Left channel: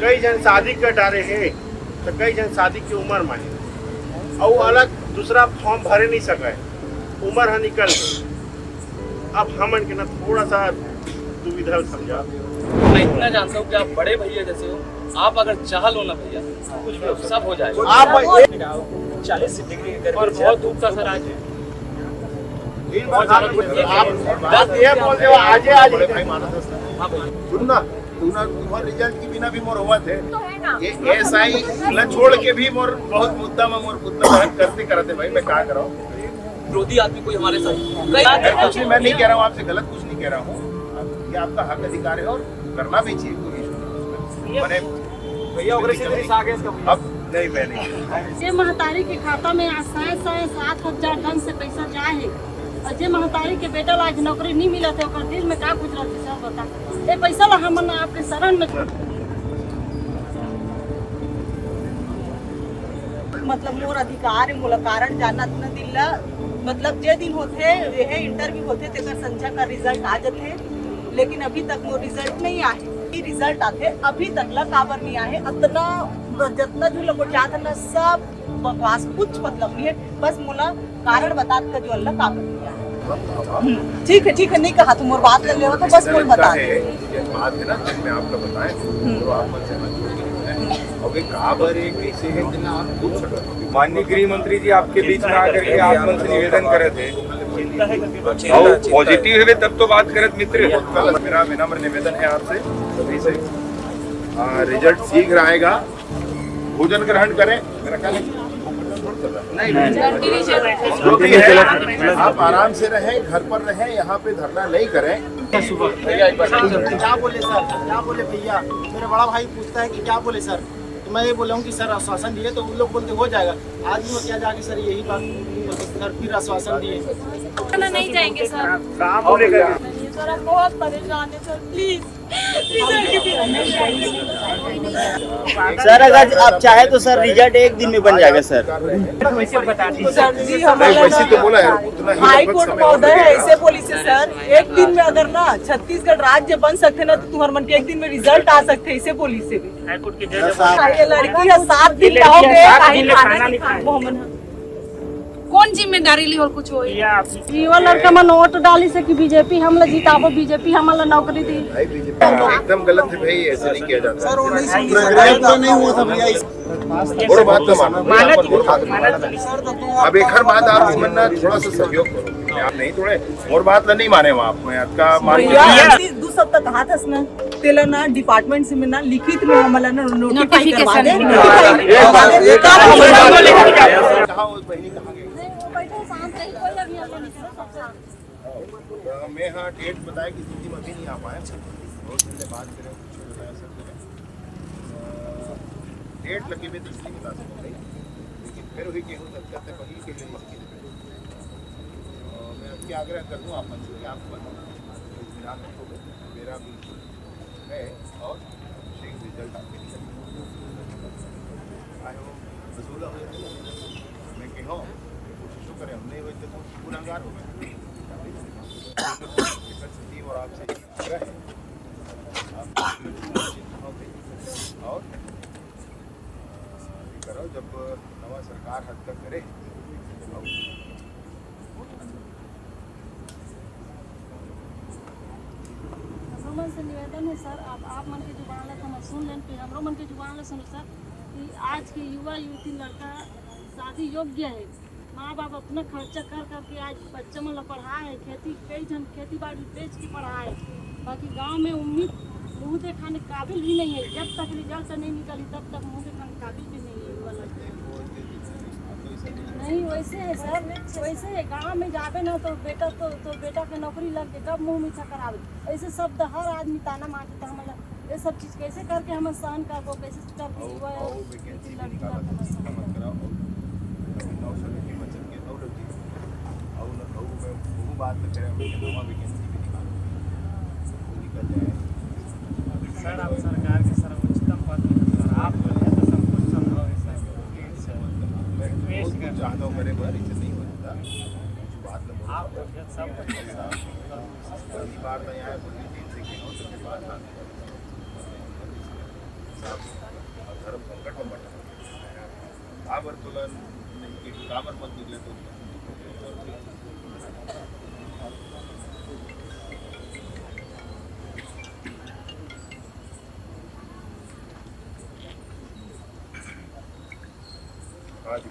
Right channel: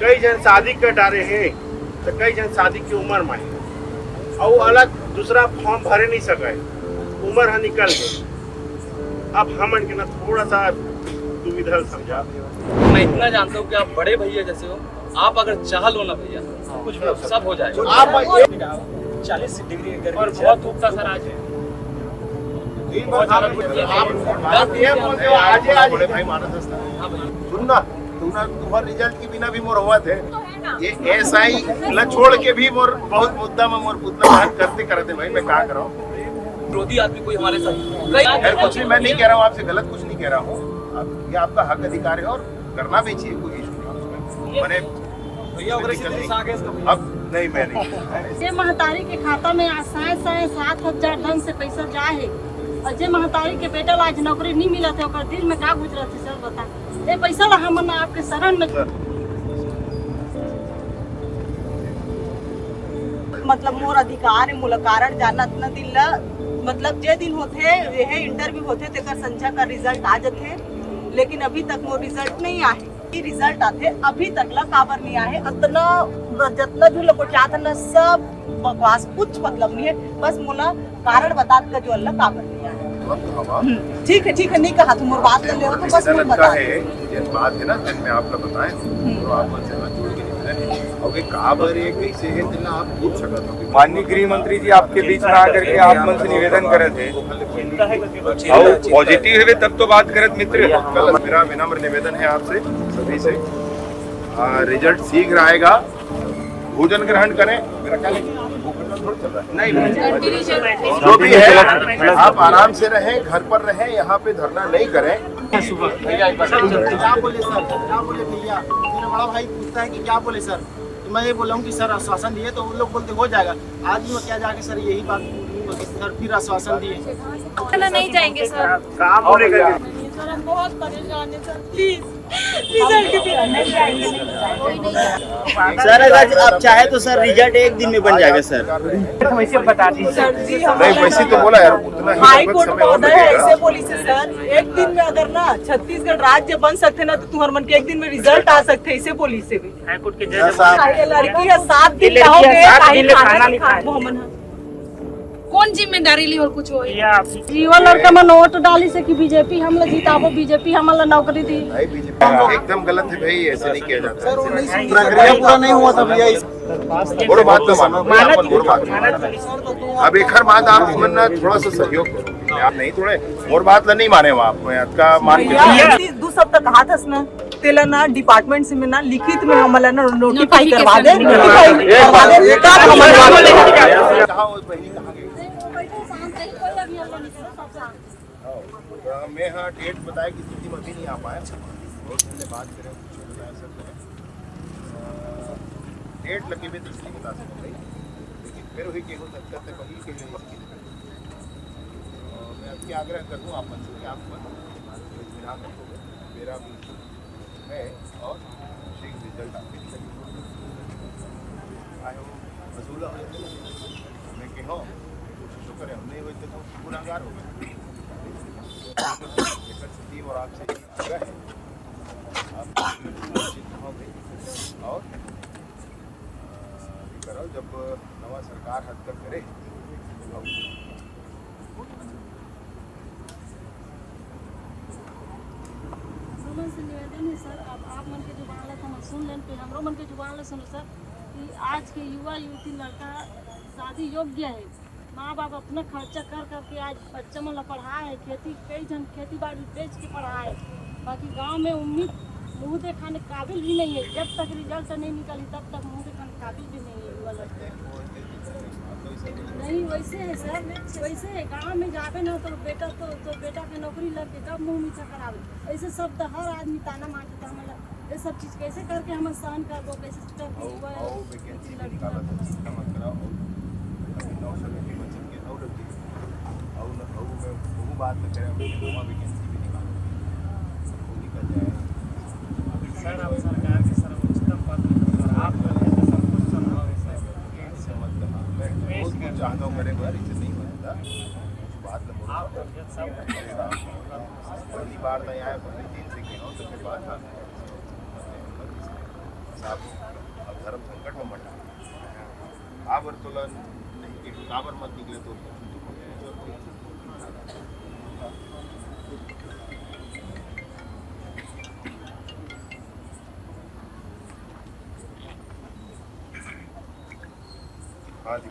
कई जन शादी कर डाले हैं तो कई जन शादी की उम्र में है और वो अलग दूसरा फॉर्म भरे नहीं सके, उम्र है निकल गई। अब हम इनके ना थोड़ा सा दुविधा समझा। मैं इतना जानता हूँ कि आप बड़े भैया जैसे हो, आप अगर चाह लो ना भैया कुछ भी सब हो जाएगा। आप 40 डिग्री और बहुत धूप था सर आज। बात ये बोलते हो आज बड़े भाई मानस सुनना तुम्हार रिजल्ट की बिना भी मोर हुआ थे ये एसआई ला छोड़ के भी मोर बहुत मुद्दा में मोर उतना मेहनत करते भाई मैं क्या कराऊं। विरोधी आदमी कोई हमारे साथ खैर कुछ नहीं, मैं नहीं कह रहा हूँ आपसे गलत कुछ नहीं कह रहा हूँ, ये आपका हक अधिकार है और करना भी चाहिए, कोई इशू नहीं उसमें। मैंने अब नहीं मैं नहीं जे महतारी के खाता में 7,000 ढंग से पैसा जाए और जे महतारी के बेटा आज नौकरी नहीं मिला थे और दिल में का गुजरत है सर बता। ये पैसा ला हम आपके शरण में मतलब मोर अधिकार है मोला कारण जानत न दिल मतलब जे दिन होते ये इंटरव्यू होते तेकर संध्या का रिजल्ट आ जाते, लेकिन अभी तक मोर रिजल्ट नहीं आए। रिजल्ट आते अभी तक ला काबर नहीं आए। इतना जितना जो लोग चाहत न सब बकवास, कुछ मतलब नहीं है, बस मोला कारण बता का जो अल्लाह काबर नहीं आए। ठीक है नहीं कहा तुम और बात कर ले तो बस मोल बता है बात है ना जब मैं आपका बताएं तो आप मन से हाथ जोड़ के निवेदन है और ये काबर है कैसे है दिला आप पूछ सकते हो। माननीय गृह मंत्री जी आपके बीच में आकर के आप मन से निवेदन करे थे और पॉजिटिव है तब तो बात करत मित्र। मेरा विनम्र निवेदन है आपसे सभी से, रिजल्ट शीघ्र आएगा, भोजन ग्रहण करें। मेरा ख्याल है थोड़ी चल रहा है नहीं जो भी है आप आराम से रहें, घर पर रहें, यहाँ पे धरना नहीं करें। क्या बोले भैया, मेरा बड़ा भाई पूछता है कि क्या बोले सर, तो मैं ये बोला हूँ कि सर आश्वासन दिए, तो उन लोग बोलते हो जाएगा। आज भी क्या जाके सर यही बात सर फिर आश्वासन दिए नहीं जाएंगे सर। काम बोलेगा सर हम बहुत परेशान है सर, प्लीज रिजल्ट के बिना नहीं जाएंगे। सर अगर आप चाहे तो सर रिजल्ट एक दिन में बन जाएगा सर। वैसे बता दी सर जी नहीं वैसे तो बोला यार उतना ही हाई लगभग कोर्ट समय और महोदय लगेगा। ऐसे बोली से सर एक दिन में अगर ना छत्तीसगढ़ राज्य बन सकते ना तो तुम्हारे मन के एक दिन में रिजल्ट आ सकते, ऐसे बोली से भी। हाई कोर्ट के ये लड़की है 7 दिन रहोगे खाना नहीं खाए मोहम्मद कौन जिम्मेदारी ली और कुछ हो जीवन लड़का में नोट डाली से कि बीजेपी हमला जीताबो, बीजेपी हमला नौकरी दी। एकदम गलत है भाई, ऐसे नहीं किया जाता। पूरा नहीं हुआ था भैया। और बात तो मानो और बात अब एक हर बात आप मन्ना थोड़ा सा सहयोग करो, आप नहीं थोड़े और बात नहीं माने वहाँ आप का मान के 2 सप्ताह कहा था ना तेला ना डिपार्टमेंट से में ना लिखित में हमला ना नोटिफाई करवा दे। मैं हाँ डेट बताया कि स्थिति में अभी नहीं आ पाया, बहुत पहले बात करें कुछ बताया सर डेट लगी हुई तो इसलिए बता सकता भाई, लेकिन फिर वही के हो सकता है वही के लिए मैं आपकी आग्रह कर दूँ आप मन से आप ध्यान रखोगे मेरा बिल्कुल है और शीघ्र रिजल्ट आपके आए हो वसूला हो मैं कहो कोशिश करें हम नहीं हुई तो गुनाहगार हो गए स्थिति और आपसे आप और करो जब नवा सरकार हस्तक्षेप करे से निवेदन है सर, आप मन के जुबान ला हम सुन लें, फिर हमरो मन के जुबान ला सुनो सर कि आज के युवा युवती लड़का शादी योग्य है, माँ बाप अपना खर्चा कर करके आज बच्चा मन ला पढ़ाए है, कई जन खेती बाड़ी बेच के पढ़ाए, बाकी गांव में उम्मीद मुँह दिखाने काबिल भी नहीं है। जब तक रिजल्ट नहीं निकली तब तक मुँह दिखाने काबिल भी नहीं है युवा लड़के। नहीं वैसे है सर, वैसे है गाँव में जावे ना तो बेटा के नौकरी लग के कब मुँह मीठा करावे, ऐसे सब हर आदमी ताना मारते तो हम ये सब चीज़ कैसे करके हम सहन करबो, कैसे करके सर आप सरकार के सर्वोच्चतम पद पर आप बोले तो सब कुछ संभव है सर। चाहता हूँ मेरे बार इसे नहीं होता बात आप सब पहली बार मैं आया 3 से गया हूँ तो फिर बात आप धर्म संकट में मत काबर तुलन काबर मत निकले तो हाँ जी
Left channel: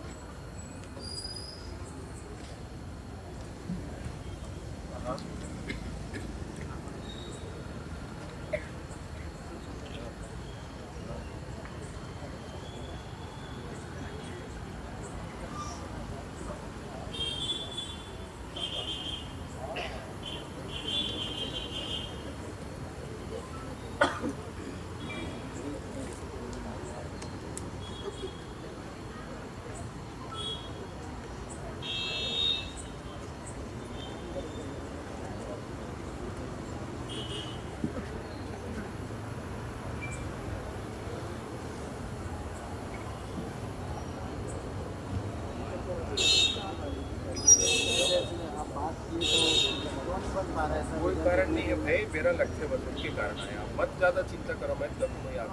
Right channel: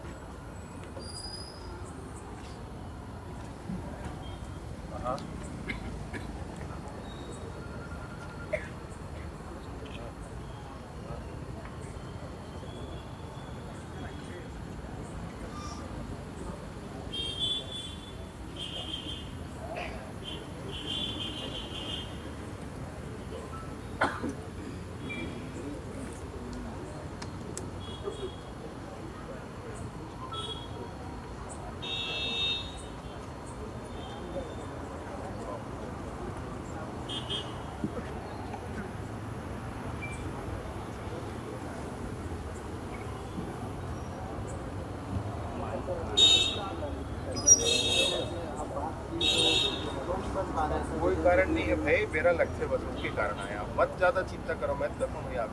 हाँ कोई कारण नहीं है भाई, मेरा लक्ष्य बस उसके कारण आया। मत ज्यादा चिंता करो, मैं देखो भाई आप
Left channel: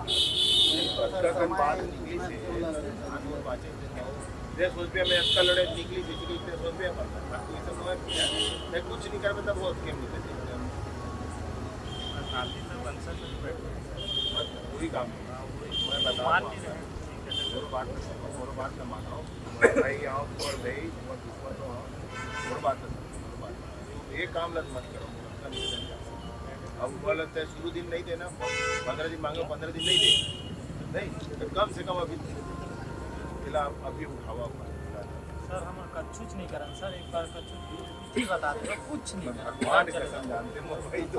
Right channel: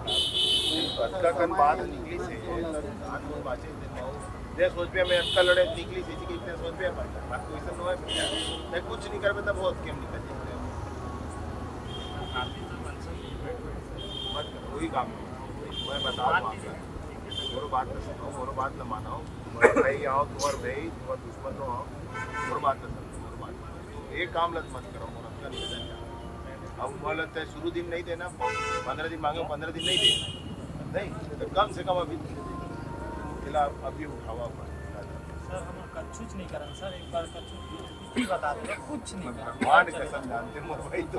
अटका कन बात निकली से धान मोर बाचे से माऊ जे सोच पे मैं अटका लड़े निकली थी कि इतने सोच पे पर बात तो ऐसा नोए भैया मैं कुछ नहीं कर पाता बहुत केम निकल जाए मत वही काम मैं बता दूंगा मोर बात न सुनो, मोर बात न मानो, तुम्हारे भाई आओ, तुम्हारे भाई तुम्हारे दुश्मन हो आओ, मोर बात न सुनो, मोर बात एक काम लत मत करो, मोर का निवेदन है। अब बोलते हैं शुरू दिन नहीं देना, 15 दिन मांगे 15 दिन नहीं दे नहीं तो कम से कम अभी खिला अभी उठावा सर हम कुछ नहीं करन सर, एक बार कुछ बता दो कुछ नहीं भगवान कसम जानते मोर भाई तो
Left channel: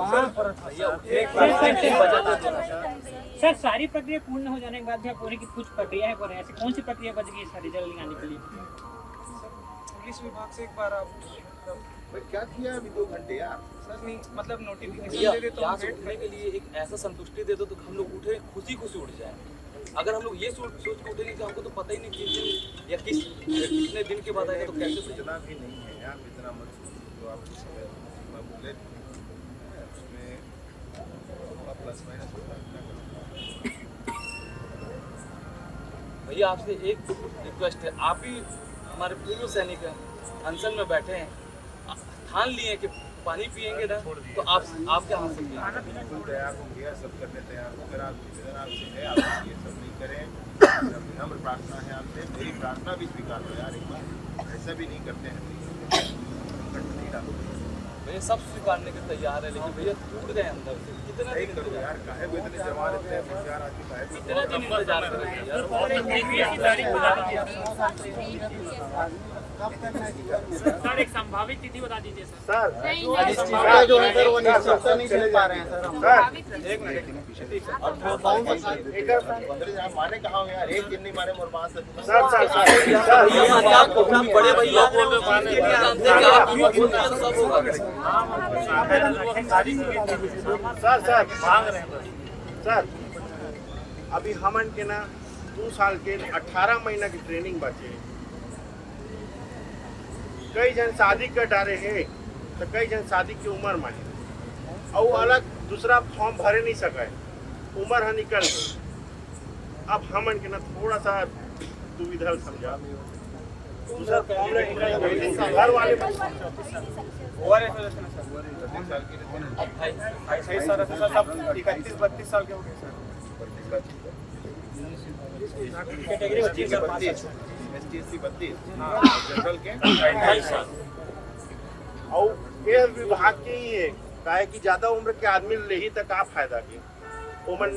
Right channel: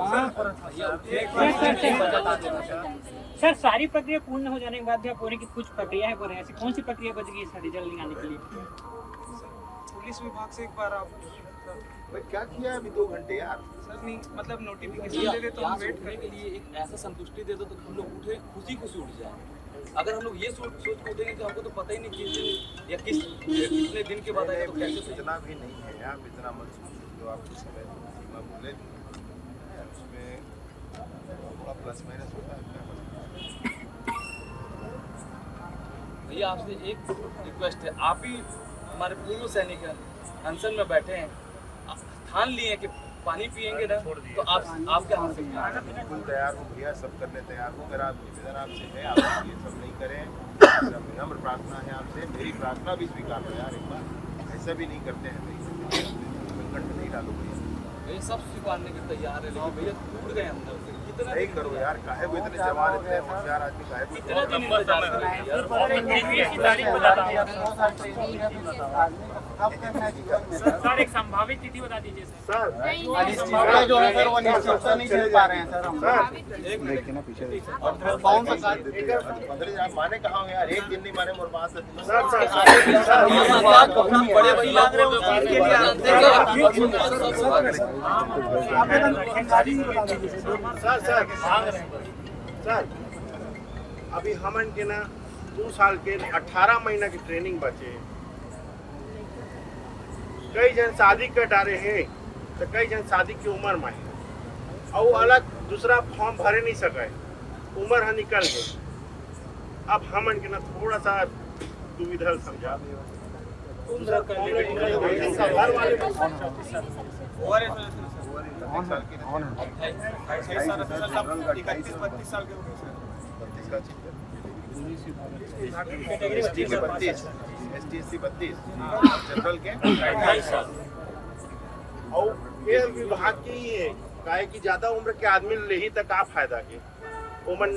सर सारी प्रक्रिया पूर्ण हो जाने के बाद भी आप बोले कि कुछ प्रक्रिया है, ऐसी कौन सी प्रक्रिया बच गई है रिजल्ट निकालने के लिए? पुलिस विभाग से एक बार आप भाई क्या किया अभी 2 घंटे यार सर नहीं मतलब नोटिफिकेशन दे दे तो हम वेट करने के लिए एक ऐसा संतुष्टि दे दो तो हम लोग उठे खुशी उठ जाए। अगर हम लोग ये सोच के उठेंगे कि हमको तो पता ही नहीं किस दिन या कितने दिन के बाद आएगा तो कैसे इतना भी नहीं है यार, इतना मत तो आपको समय सीमा बोले उसमें थोड़ा प्लस माइनस होता है क्या करते भैया आपसे एक रिक्वेस्ट है, आप ही हमारे पूर्व सैनिक हैं, अनशन में बैठे हैं, ठान लिए कि पानी पिएंगे ना तो आपके हाथ से बिल्कुल तैयार हो भैया, सब करने तैयार हो। मेरा निवेदन आपसे है आप ये सब नहीं करें, मेरा विनम्र प्रार्थना है आपसे, मेरी प्रार्थना भी स्वीकार करो यार एक बार, ऐसा भी नहीं करते हैं भैया, संकट में नहीं डालो भैया। ये सब स्वीकारने के तैयार है लेकिन भैया टूट गए अंदर से। कितना नहीं करो यार, काहे वो इतने जवान इतने होशियार आदमी काहे इतना दिन इंतजार कर रहे हैं यार। सर एक संभावित तिथि बता दीजिए सर अनिश्चितता जो है सर वो निश्चितता नहीं चल पा रहे हैं सर हम माने कहा हूँ यार, एक दिन नहीं माने मोर बात बड़े भैया सर अभी हमन के ना 2 साल के 18 महीना की ट्रेनिंग बचे, कई जन शादी कर डाले हैं तो कई जन शादी की उम्र में है और अलग दूसरा फॉर्म भरे नहीं सके, उम्र है निकल गई। अब हमन के ना थोड़ा सा दुविधा समझा जनरल के और ये विभाग की ही है काहे कि ज्यादा उम्र के आदमी ले ही तक आप फायदा के ओमन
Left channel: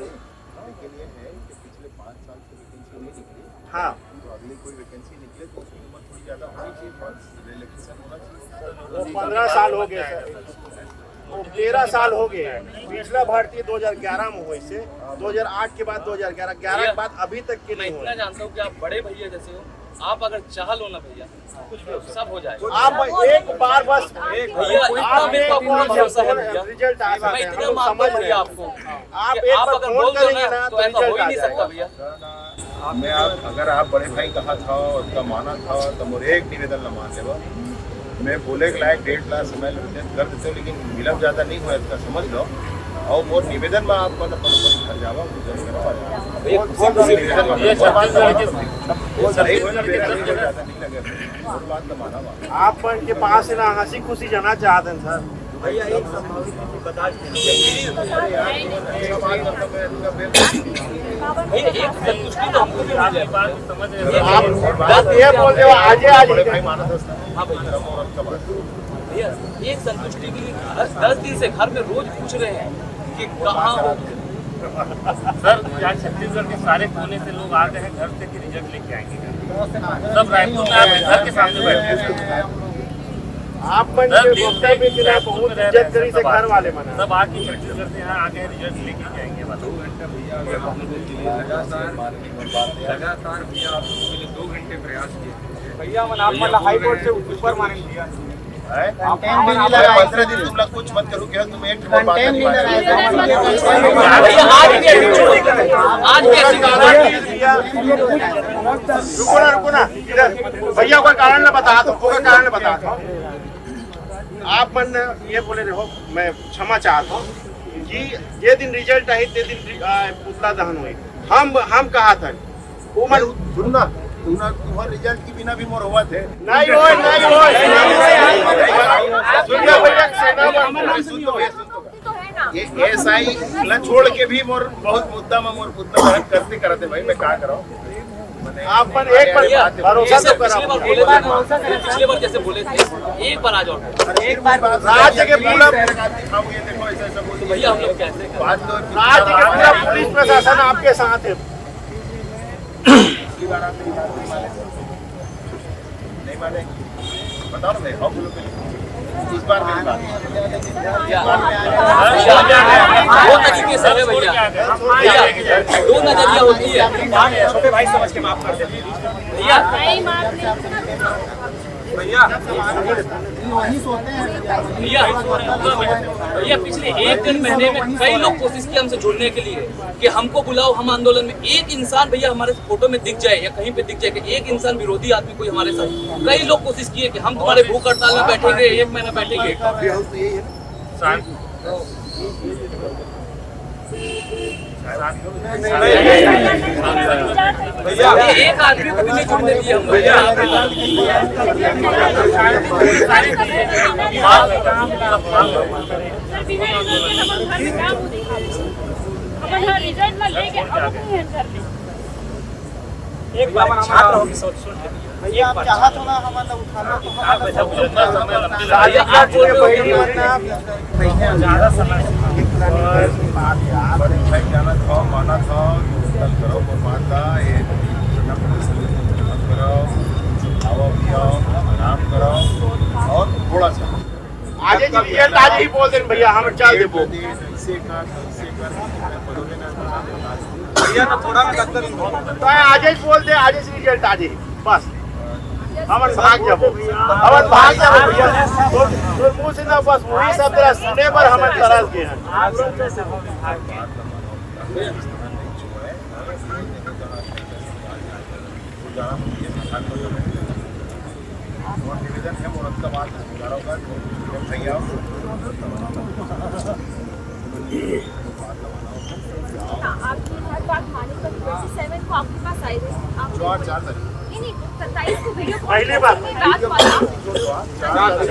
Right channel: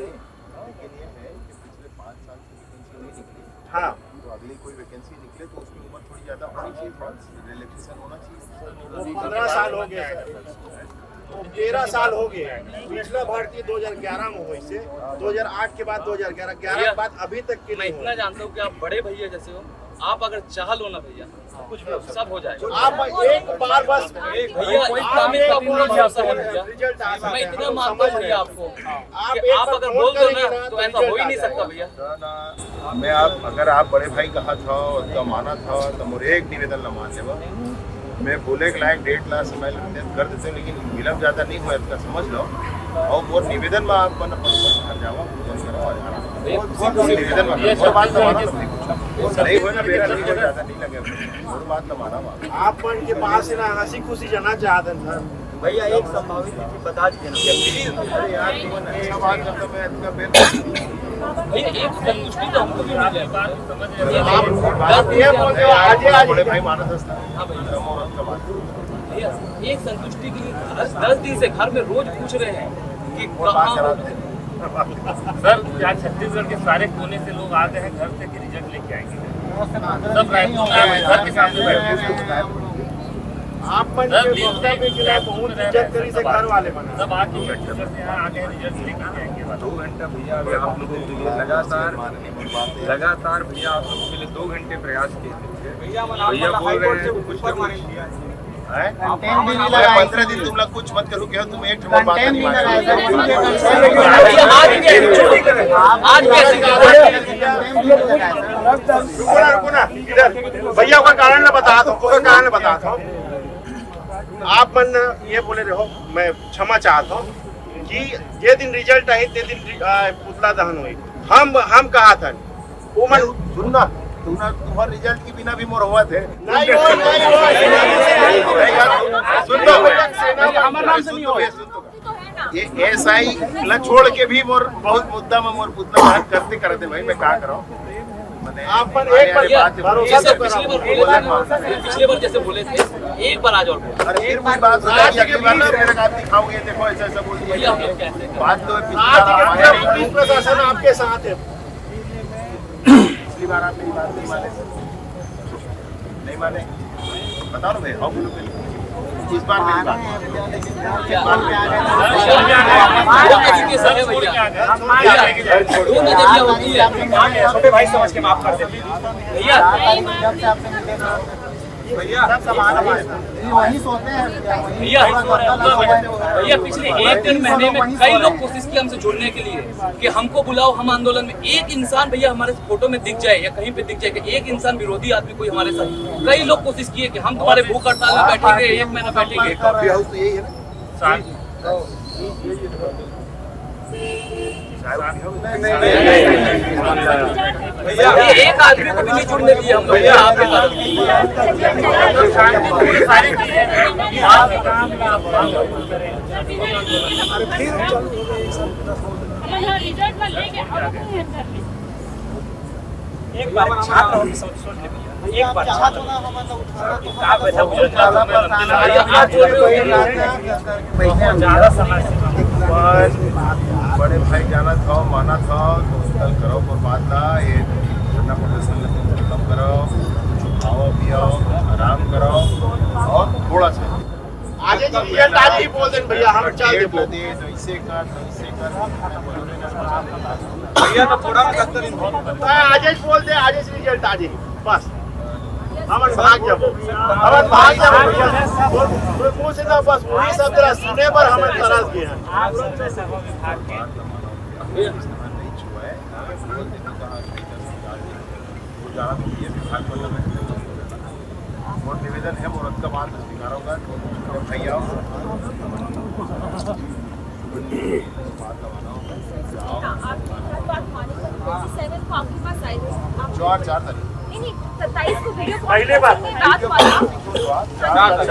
हाँ अगली कोई वैकेंसी निकले तो उसकी उम्र थोड़ी ज्यादा होनी चाहिए, रिलैक्सेशन होना चाहिए। 15 साल हो गए, 13 साल हो गए। पिछला भर्ती 2011 में हुई से 2008 के बाद 2011 के बाद अभी तक के मैं इतना जानता हूँ कि आप बड़े भैया जैसे हो, आप अगर चाह लो ना भैया कुछ भी सब हो जाएगा। आप एक बार बस भैया इतना मेरा पूरा भरोसा है भैया, मैं इतना मानता हूँ भैया आपको, आप अगर बोल दो ना तो ऐसा हो ही नहीं सकता भैया। मैं अगर आप बड़े भाई कहा था और का माना था तो मुझे एक निवेदन न मान लेवा, मैं बोले के लायक 1.5 लाख समय निर्धारित कर देते, लेकिन विलम्ब ज्यादा नहीं हुआ इसका समझ लो। और मोर निवेदन में आप अपन घर जाओ भोजन करो और आराम करो। निवेदन में मोर बात न मानो नहीं हो ना मेरा नहीं हो ज्यादा नहीं लगे मोर बात न माना आप बन के पास से ना हंसी खुशी जाना चाहते हैं सर। भैया एक संभावित बता दीजिए ना। अरे यार तुम अच्छा बात करता मैं इनका फिर भैया एक संतुष्टि तो हमको भी मिल जाए, बात समझ रहे हैं। बस ये बोलते हो आज बड़े भाई मानस हंसना हाँ भैया, औरत का बात भैया एक संतुष्टि के लिए 10 दिन से घर में रोज पूछ रहे हैं कि कहाँ हो। सर क्या छत्तीसगढ़ के सारे कोने से लोग आ गए हैं घर से कि रिजल्ट लेके आएंगे? सब रायपुर के सामने आप मन के वक्तव्य के खिलाफ बहुत इज्जत करी से घर वाले बने सब आज छत्तीसगढ़ से यहाँ आके रिजल्ट लेके जाएंगे। 2 घंटा भैया अगर आप लोगों के लिए लगातार भैया आप लोगों के लिए 2 घंटे प्रयास किए भैया भैया बोल रहे हैं कुछ ना कुछ 15 दिन तुम लोग कुछ मत करो क्या तुम एक बात नहीं रुको ना इधर भैया का कारण मैं बताता हूँ। आप मन ये बोले रहो मैं क्षमा चाहता हूँ कि जे दिन रिजल्ट आई ते दिन पुतला दहन हुई हम कहा था वो मन तुम्हारे रिजल्ट की बिना भी मोर हुआ थे नहीं ये एसआई ला छोड़ के भी मोर बहुत मुद्दा में मोर पुतला दहन करते भाई मैं क्या कराऊं आप मन एक बार पिछले बार जैसे बोले थे एक बार आज और बोलो। एक बात राज्य के खाओगे देखो ऐसा बोल बात तो पुलिस प्रशासन आपके साथ है। पिछली बार आप मेरी बात नहीं माने बताओ ना भाई हाउ बोलो इस बार मेरी बात छोटे भाई समझ के माफ कर देते भैया भैया वही सोते हैं भैया पिछले 1-1.5 महीने में कई लोग कोशिश किए हमसे जुड़ने के लिए कि हमको बुलाओ हम आंदोलन में एक इंसान भैया हमारे फोटो में दिख जाए या कहीं पे दिख जाए कि एक इंसान विरोधी आदमी कोई हमारे साथ कई लोग कोशिश किए कि हम तुम्हारे भूख हड़ताल में बैठेंगे 1 महीना बैठेंगे भैया एक आदमी को भी नहीं जुड़ने दिए हम भैया एक बार छात्र हो एक बार छात्र ज्यादा समय बड़े भाई जाना था माना था तो कल करो और माता ये धरना प्रदर्शन खत्म करो खाओ पियो आराम करो और थोड़ा सा आज ही बोल दें भैया हम चल दे भैया ना थोड़ा आज ही बोल दे आज ही रिजल्ट आज ही बस हमन भाग जाबो मुंह से तो बस वही सब तरह सुने पर हमन तरस गए हैं। आप लोग तो सभा विभाग के और निवेदन है मुहूर्त का बात स्वीकार होगा तो भैया बात लगाना होगा नहीं 27 को वीडियो कॉल पहले बात रात वाला 4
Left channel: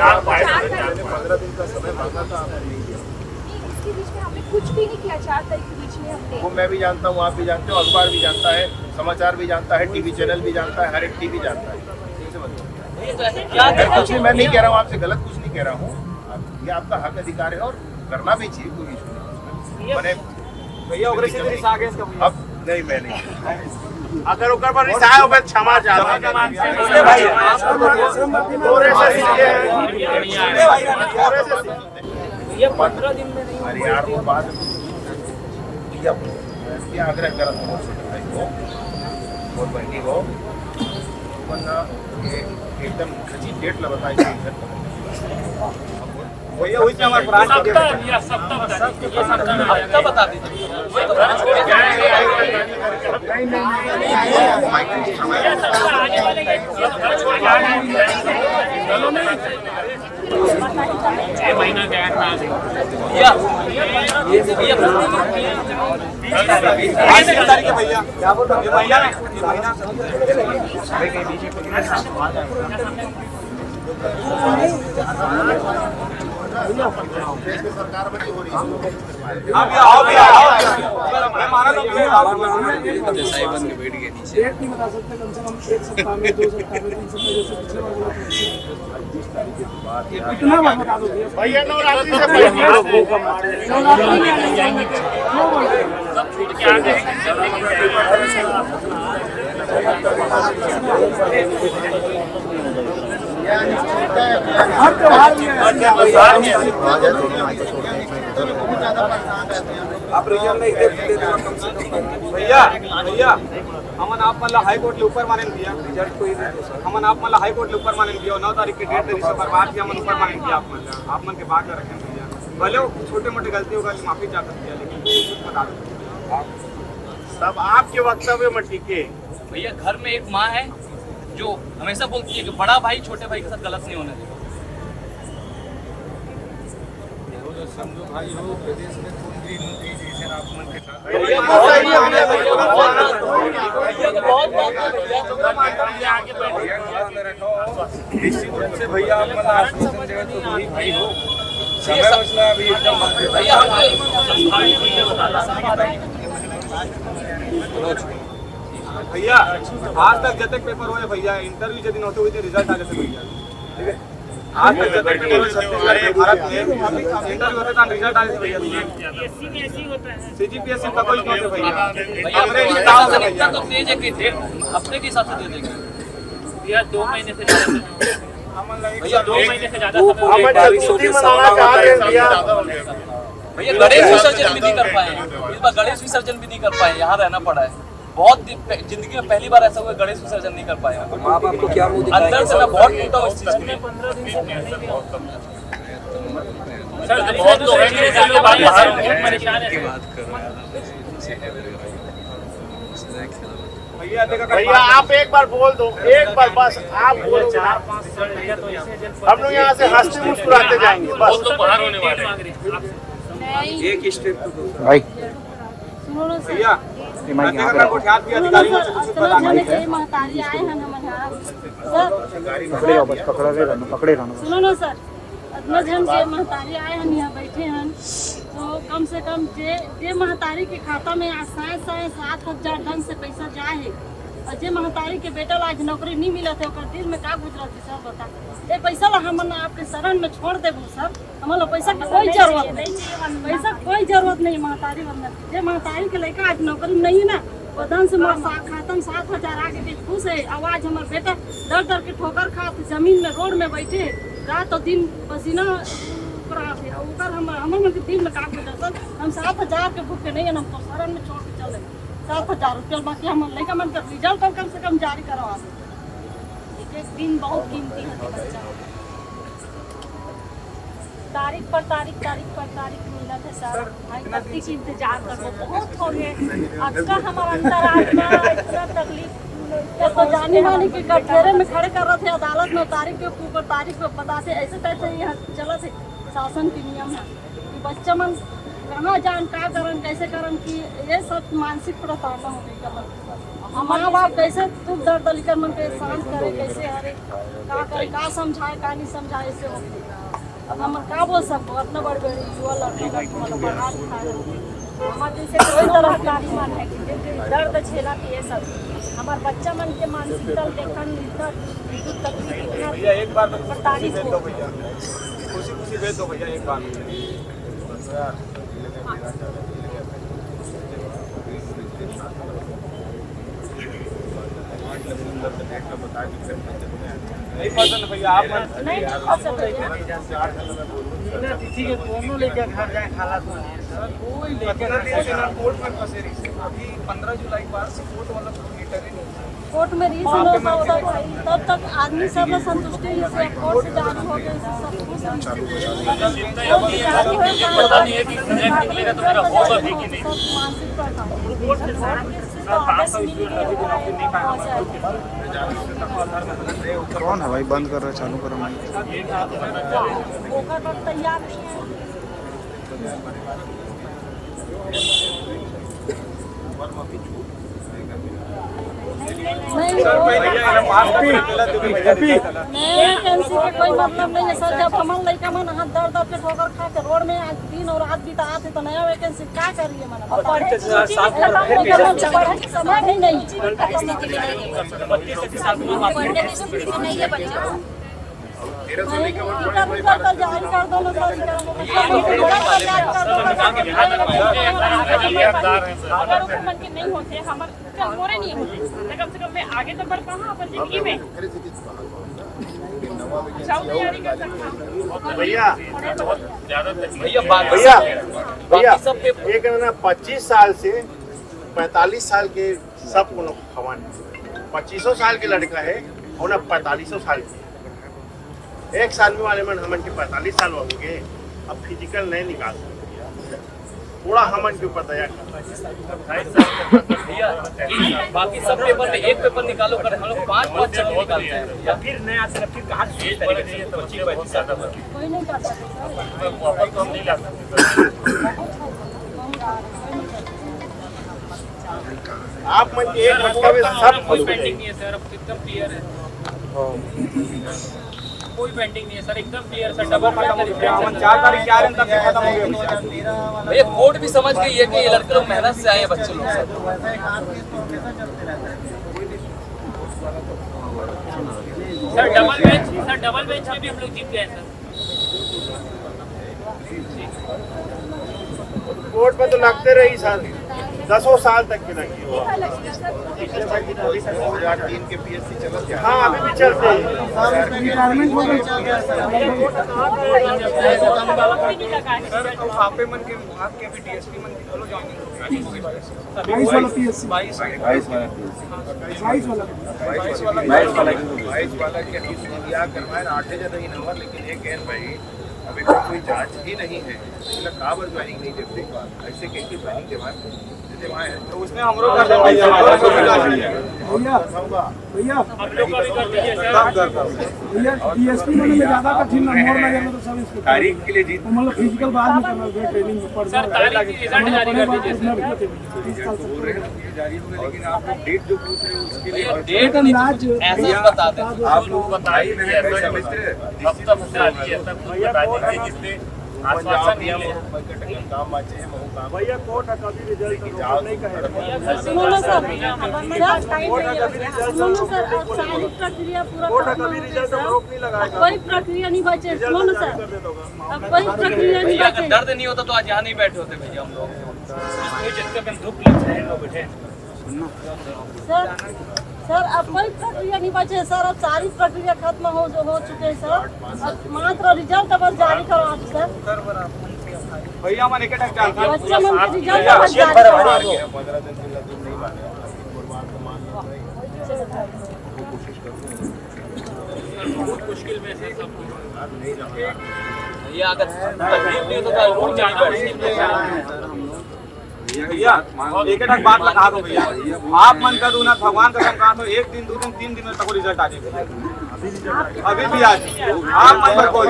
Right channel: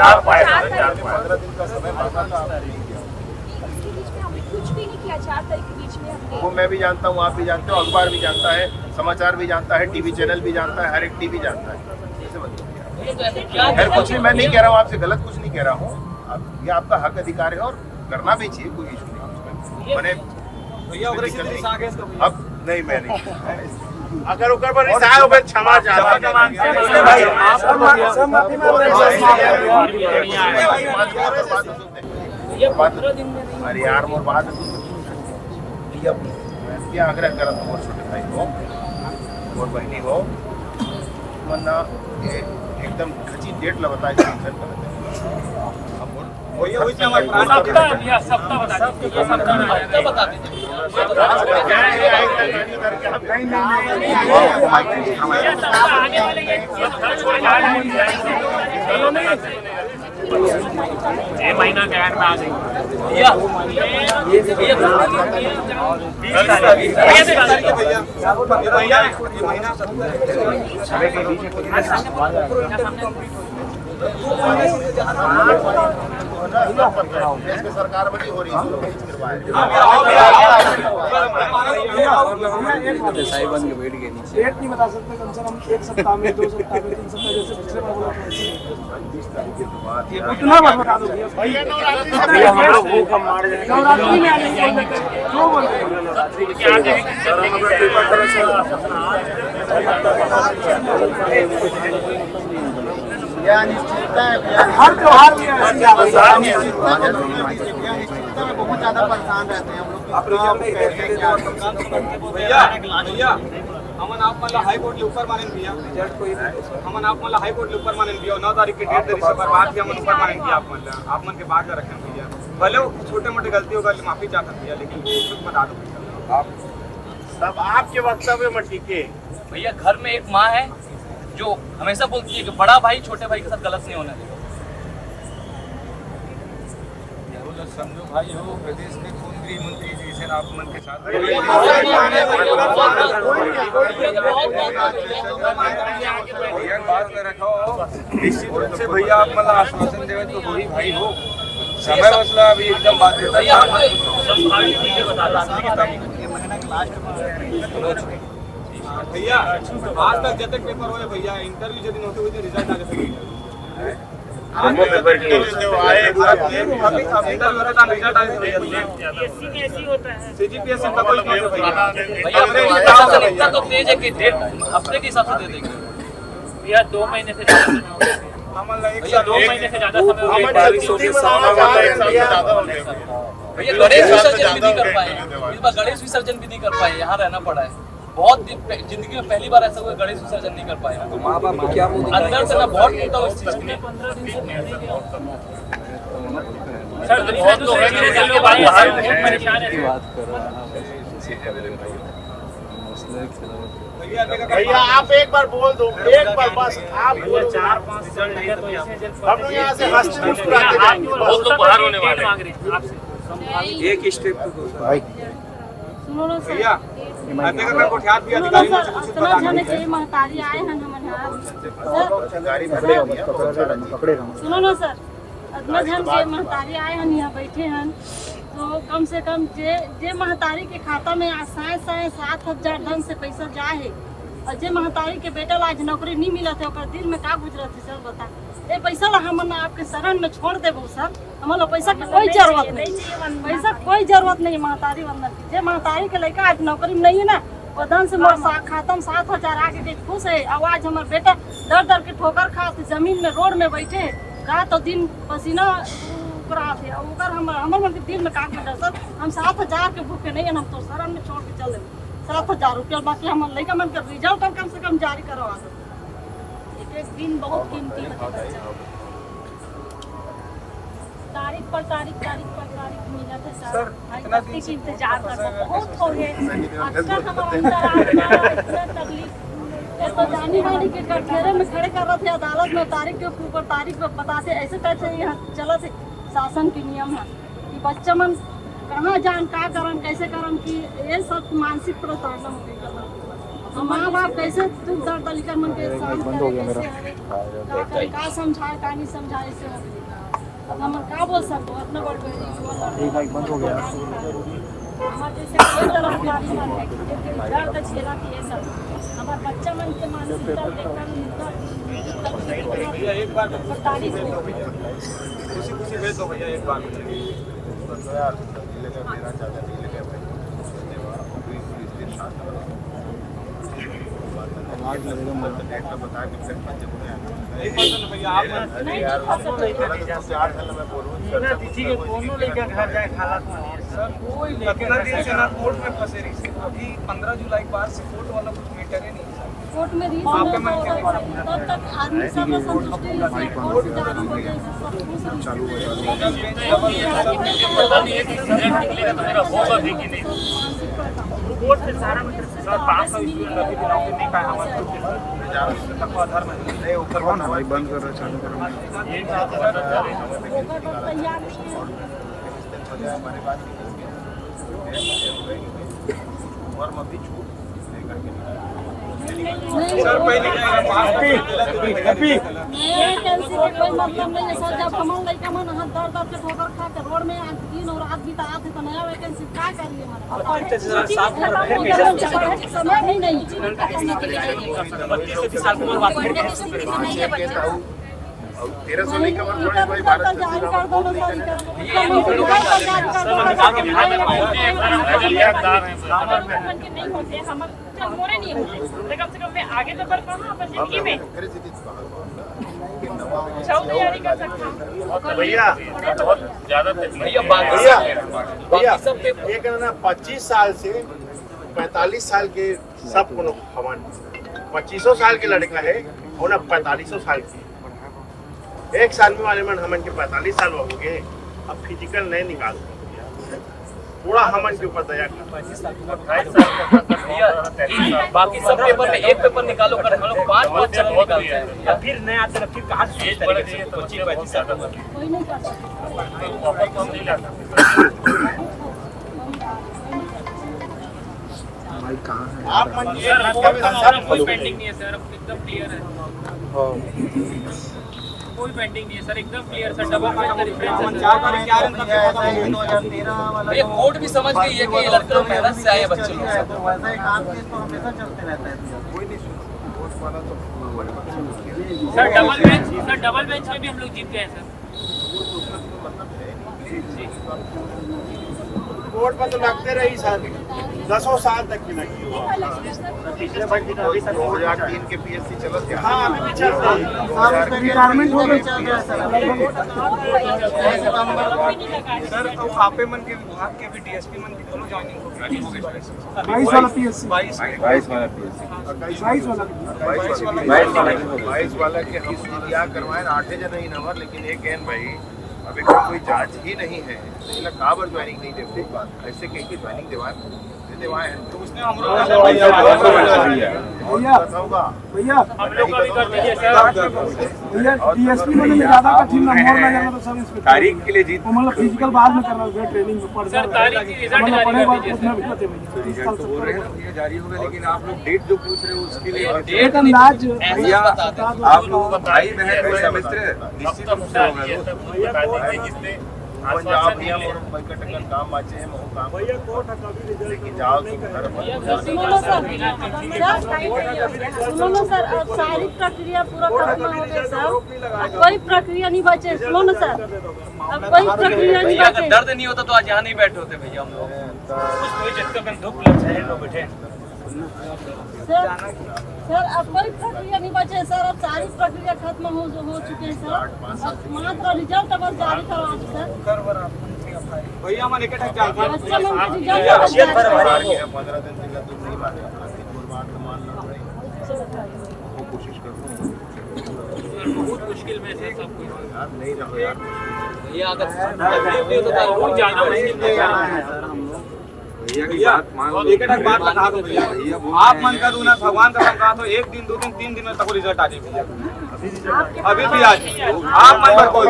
कुछ भी नहीं किया 4 तारीख के बीच में हमने वो मैं भी जानता हूँ आप भी जानते हो अखबार भी जानता है समाचार भी जानता है टीवी चैनल भी जानता है हर एक टीवी जानता है कैसे बताऊँ खैर कुछ नहीं मैं नहीं कह रहा हूँ आपसे गलत कुछ नहीं कह रहा हूँ ये आपका हक अधिकार है और करना भी चाहिए कोई इशू नहीं मैंने अब नहीं मैं नहीं अगर ऊपर पर रिसाए हो क्षमा चाहता अरे यार वो बात क्या आग्रह करा तुम और छोटे भाई को और बहनी हो वरना एकदम खची डेट ला बताई घर पर सप्ताह बता दीजिए महीना के एंड में आ गई भैया सरकार बनी हो रही है बन के बैठ गए नीचे। डेट नहीं बता सकते, कम से कम 1 सप्ताह में 2 सप्ताह में 3 सप्ताह जैसे पिछले बार बोला था। कितना बार बता दो भैया नवरात्रि से नवरात्रि में आने बोल देते क्यों बोलते हैं? हर त्योहार में अनिश्चितता में बहुत ज्यादा परेशान रहते हैं हम लोग। हमन आप मला हाई कोर्ट ले ऊपर मानेन दिया हमन आप मला हाई कोर्ट ले ऊपर मानेन दिया 9 तारीख के डेट दे से बर्बाद भी हमन ऊपर मानेन दिया आप मन के बात रखें भैया भले वो छोटे मोटे गलती होगा माफी चाहते भैया लेकिन कुछ बता दो भैया सब आपके वक्तव्य में टिके। भैया घर में एक माँ है जो हमेशा बोलती है कि बड़ा भाई छोटे भाई के साथ गलत नहीं होने देगा। भैया आप मतलब आश्वासन देवे तो वही भाई हो समय मसला अभी एकदम बात संभावित चीजें बताता भैया आज तक जब तक पेपर हुए भैया इंटरव्यू यदि होते हुए रिजल्ट आ जाते भैया इंटरव्यू होते था रिजल्ट आए थे भैया एससी में ऐसी होता है सीजीपीएससी का कोई नहीं भैया भैया प्रशासन इतना तो तेज है कि हफ्ते के हिसाब से दे देंगे। भैया 2 महीने से ज्यादा समय हो गया हमन ला 2 महीने से ज्यादा समय हो गया भैया गणेश विसर्जन भी नहीं कर पाए इस बार गणेश विसर्जन भी नहीं कर पाए यहाँ रहना पड़ा है बहुत जिंदगी में पहली बार ऐसा हुआ गणेश विसर्जन नहीं कर पाए माँ बाप को क्या अंदर से मैं बहुत टूटा हुआ इस चीज में सर बहुत लोग हैं जो भाई बहुत परेशान है भैया आप एक बार बोल दो एक बार बस आप बोलो 4-5 साल लगे तो ऐसे हम लोग यहाँ से हंसते मुस्कुराते जाएंगे। बहुत लोग बाहर होने वाले हैं एक स्टेप तो दो सर भैया महतारी आए हैं सुनो ना सर इतना जन के महतारी आए हैं यहाँ बैठे हैं तो कम से कम जे महतारी के खाता में 7,000 ढंग से पैसा जाए है और जे महतारी के बेटा आज नौकरी नहीं मिला थे दिल में का गुजरत है सर बता ये पैसा ला हम आपके शरण में छोड़ देबो सर हमारा पैसा की कोई जरूरत नहीं पैसा कोई जरूरत नहीं महतारी वंदन जे महतारी के लड़का आज नौकरी में नहीं है ना वदन से मोर खाता में 7,000 आगे के खुश है आवाज हमारे बेटा दर दर के ठोकर खाते जमीन में रोड में बैठे रात और दिन पसीना थे हमारे मन के दिल में काम में सर हम 7,000 के भूखे नहीं है हम तो शरण में छोड़ के चले 7,000 रुपया बाकी हम लड़का मन के रिजल्ट और कम से कम जारी करवा दो एक दिन बहुत कीमती है बच्चा तारीख पर तारीख मिला था सर भाई गलती से इंतजार करना बहुत हो गए अक्सर हमारा इतना तकलीफ तो जाने वाले के कटघरे में खड़े कर रहे थे अदालत में तारीख के ऊपर तारीख पे बताते ऐसे कैसे यहाँ चला थे शासन की नियम है कि बच्चा मन कहाँ जान का करन कैसे करन कि ये सब मानसिक प्रताड़ना हो गई माँ बाप कैसे दुख दर्द लेकर मन के शांत करे कैसे हरे का करे का समझाए का नहीं समझाए ऐसे हो गई अब हम क्या बोल सकते इतना बड़ युवा लड़का हमारे जैसे कोई तरह का अभिमान है कि दर्द झेला कि ये सब हमारे बच्चा मन के मानसिकता देखन भैया एक बार तारीख हो खुशी खुशी भेज दो भैया एक बार भैया आप किसी के कोनो लेके घर जाए हालत में सर कोई कितना दिन से ना कोर्ट में फंसे रही से अभी 15 जुलाई के बाद से कोर्ट वाला कुछ मीटर ही नहीं सर कोर्ट में रीच तब तक आदमी सब संतुष्टि से कोर्ट जाना होगा चालू बचा पता नहीं है कि होगा भी कि नहीं। बोर्ड से सारा सर 500 स्टूडेंट अभी भी नौकरी नहीं पाया हमारे ग्रुप के सर तक आधार में कौन है भाई? बंद कर रहा है, चालू करो। सर पहले वैकेंसी के कोई मतलब नहीं है सर। जब हमारे लड़का मन हाथ दर्द दर्द के ठोकर खा के रोड में आज दिन और रात बिता थे तो नया वैकेंसी क्या करिए मैंने समय भी नहीं। 32 से 30 साल की उम्र बात है। 1300 नहीं कवर जोड़े भाई, 12 कम से कम मैं आगे तो बढ़ पाऊँ अपन जिंदगी में तैयारी कर सकता। भैया भैया एक ना 25 साल से 45 साल के सब को हवन 2500 साल के लड़का है और ना 4500 साल के एक साल में वाले मन हमन के 45 साल हो गए। अब फिजिकल नहीं निकाल सकते, थोड़ा हमन के ऊपर दया कर। बाकी सब पेपर में एक पेपर निकालो कर हम लोग 5-5 चल निकालते हैं। फिर नया से फिर कहाँ से 25-35 साल कोई नहीं कर आप मन के एक कोई पेंडिंग नहीं है सर, अब एकदम क्लियर है। कोई पेंडिंग नहीं है सर, एकदम क्लियर सर। डबल ये कोर्ट भी समझ गई है कि ये लड़के लोग मेहनत से आए बच्चे लोग। सर डबल बेंच में भी हम लोग जीत गए सर। कोर्ट में तो लगते रही सर 10 साल तक की लगी। पिछले भाई 2003 के पीएससी चला क्या? हाँ अभी भी चल रहा है। रिटायरमेंट हो गई चल रहा है सर अब आपे मन के विभाग के भी डीएसपी मन की दोनों ज्वाइनिंग हो गई। 22 वाला पीएससी 22 वाला के हम दिया करवाए 8 जन ही नंबर, लेकिन एक एन भाई अभी कोई जांच ही नहीं है। इला काबर ज्वाइनिंग नहीं देते, ऐसे कहीं की ज्वाइनिंग दिवाए तो उसने हम लोग भैया हम लोग का भी कर दीजिए सर। भैया डीएसपी में ज्यादा कठिन नंबर लगे मतलब सब इंस्पेक्टर तारीख के लिए जीत मतलब फिजिकल बाद में करना है, ट्रेनिंग में पड़ सर तारीख की रिजल्ट जारी कर दीजिए ये जारी होगा, लेकिन आप लोग डेट जो पूछ रहे हो उसके लिए डेट अंदाज ऐसा बता दें। आप लोग भाई बहन मित्र पंजाब नियम और पैकटकन काम बाचे हैं महू काम लेकिन जाओ तो घर पर सुनो ना सर, सुनो ना सर, अब सारी प्रक्रिया पूरा खत्म हो गई सर। अब कोई प्रक्रिया नहीं बचे। सुनो ना सर, अब कोई प्रक्रिया नहीं भैया बचे। अगर दर्द नहीं होता तो आज यहाँ नहीं बैठे होते भैया हम लोग। धूप लग जाए लोग बैठे सर अब कोई प्रक्रिया नहीं बचे सर। अब सारी प्रक्रिया खत्म हो चुके हैं सर। अब मात्र रिजल्ट अब जारी करो सर। भैया मन एक रिजल्ट अब जारी करो। 15 दिन से तुम नहीं माने, एक बार तो मान लो भाई, वो कोशिश करूँ। बहुत मुश्किल में है सब कुछ यार नहीं रहो यार, भैया अगर भैया एक बात बता दो भैया, आप मन का दो ना भगवान का कहा तो 1 दिन 2 दिन 3 दिन में तक रिजल्ट आ जाए भैया। अभी भी आज आप मन पर कोई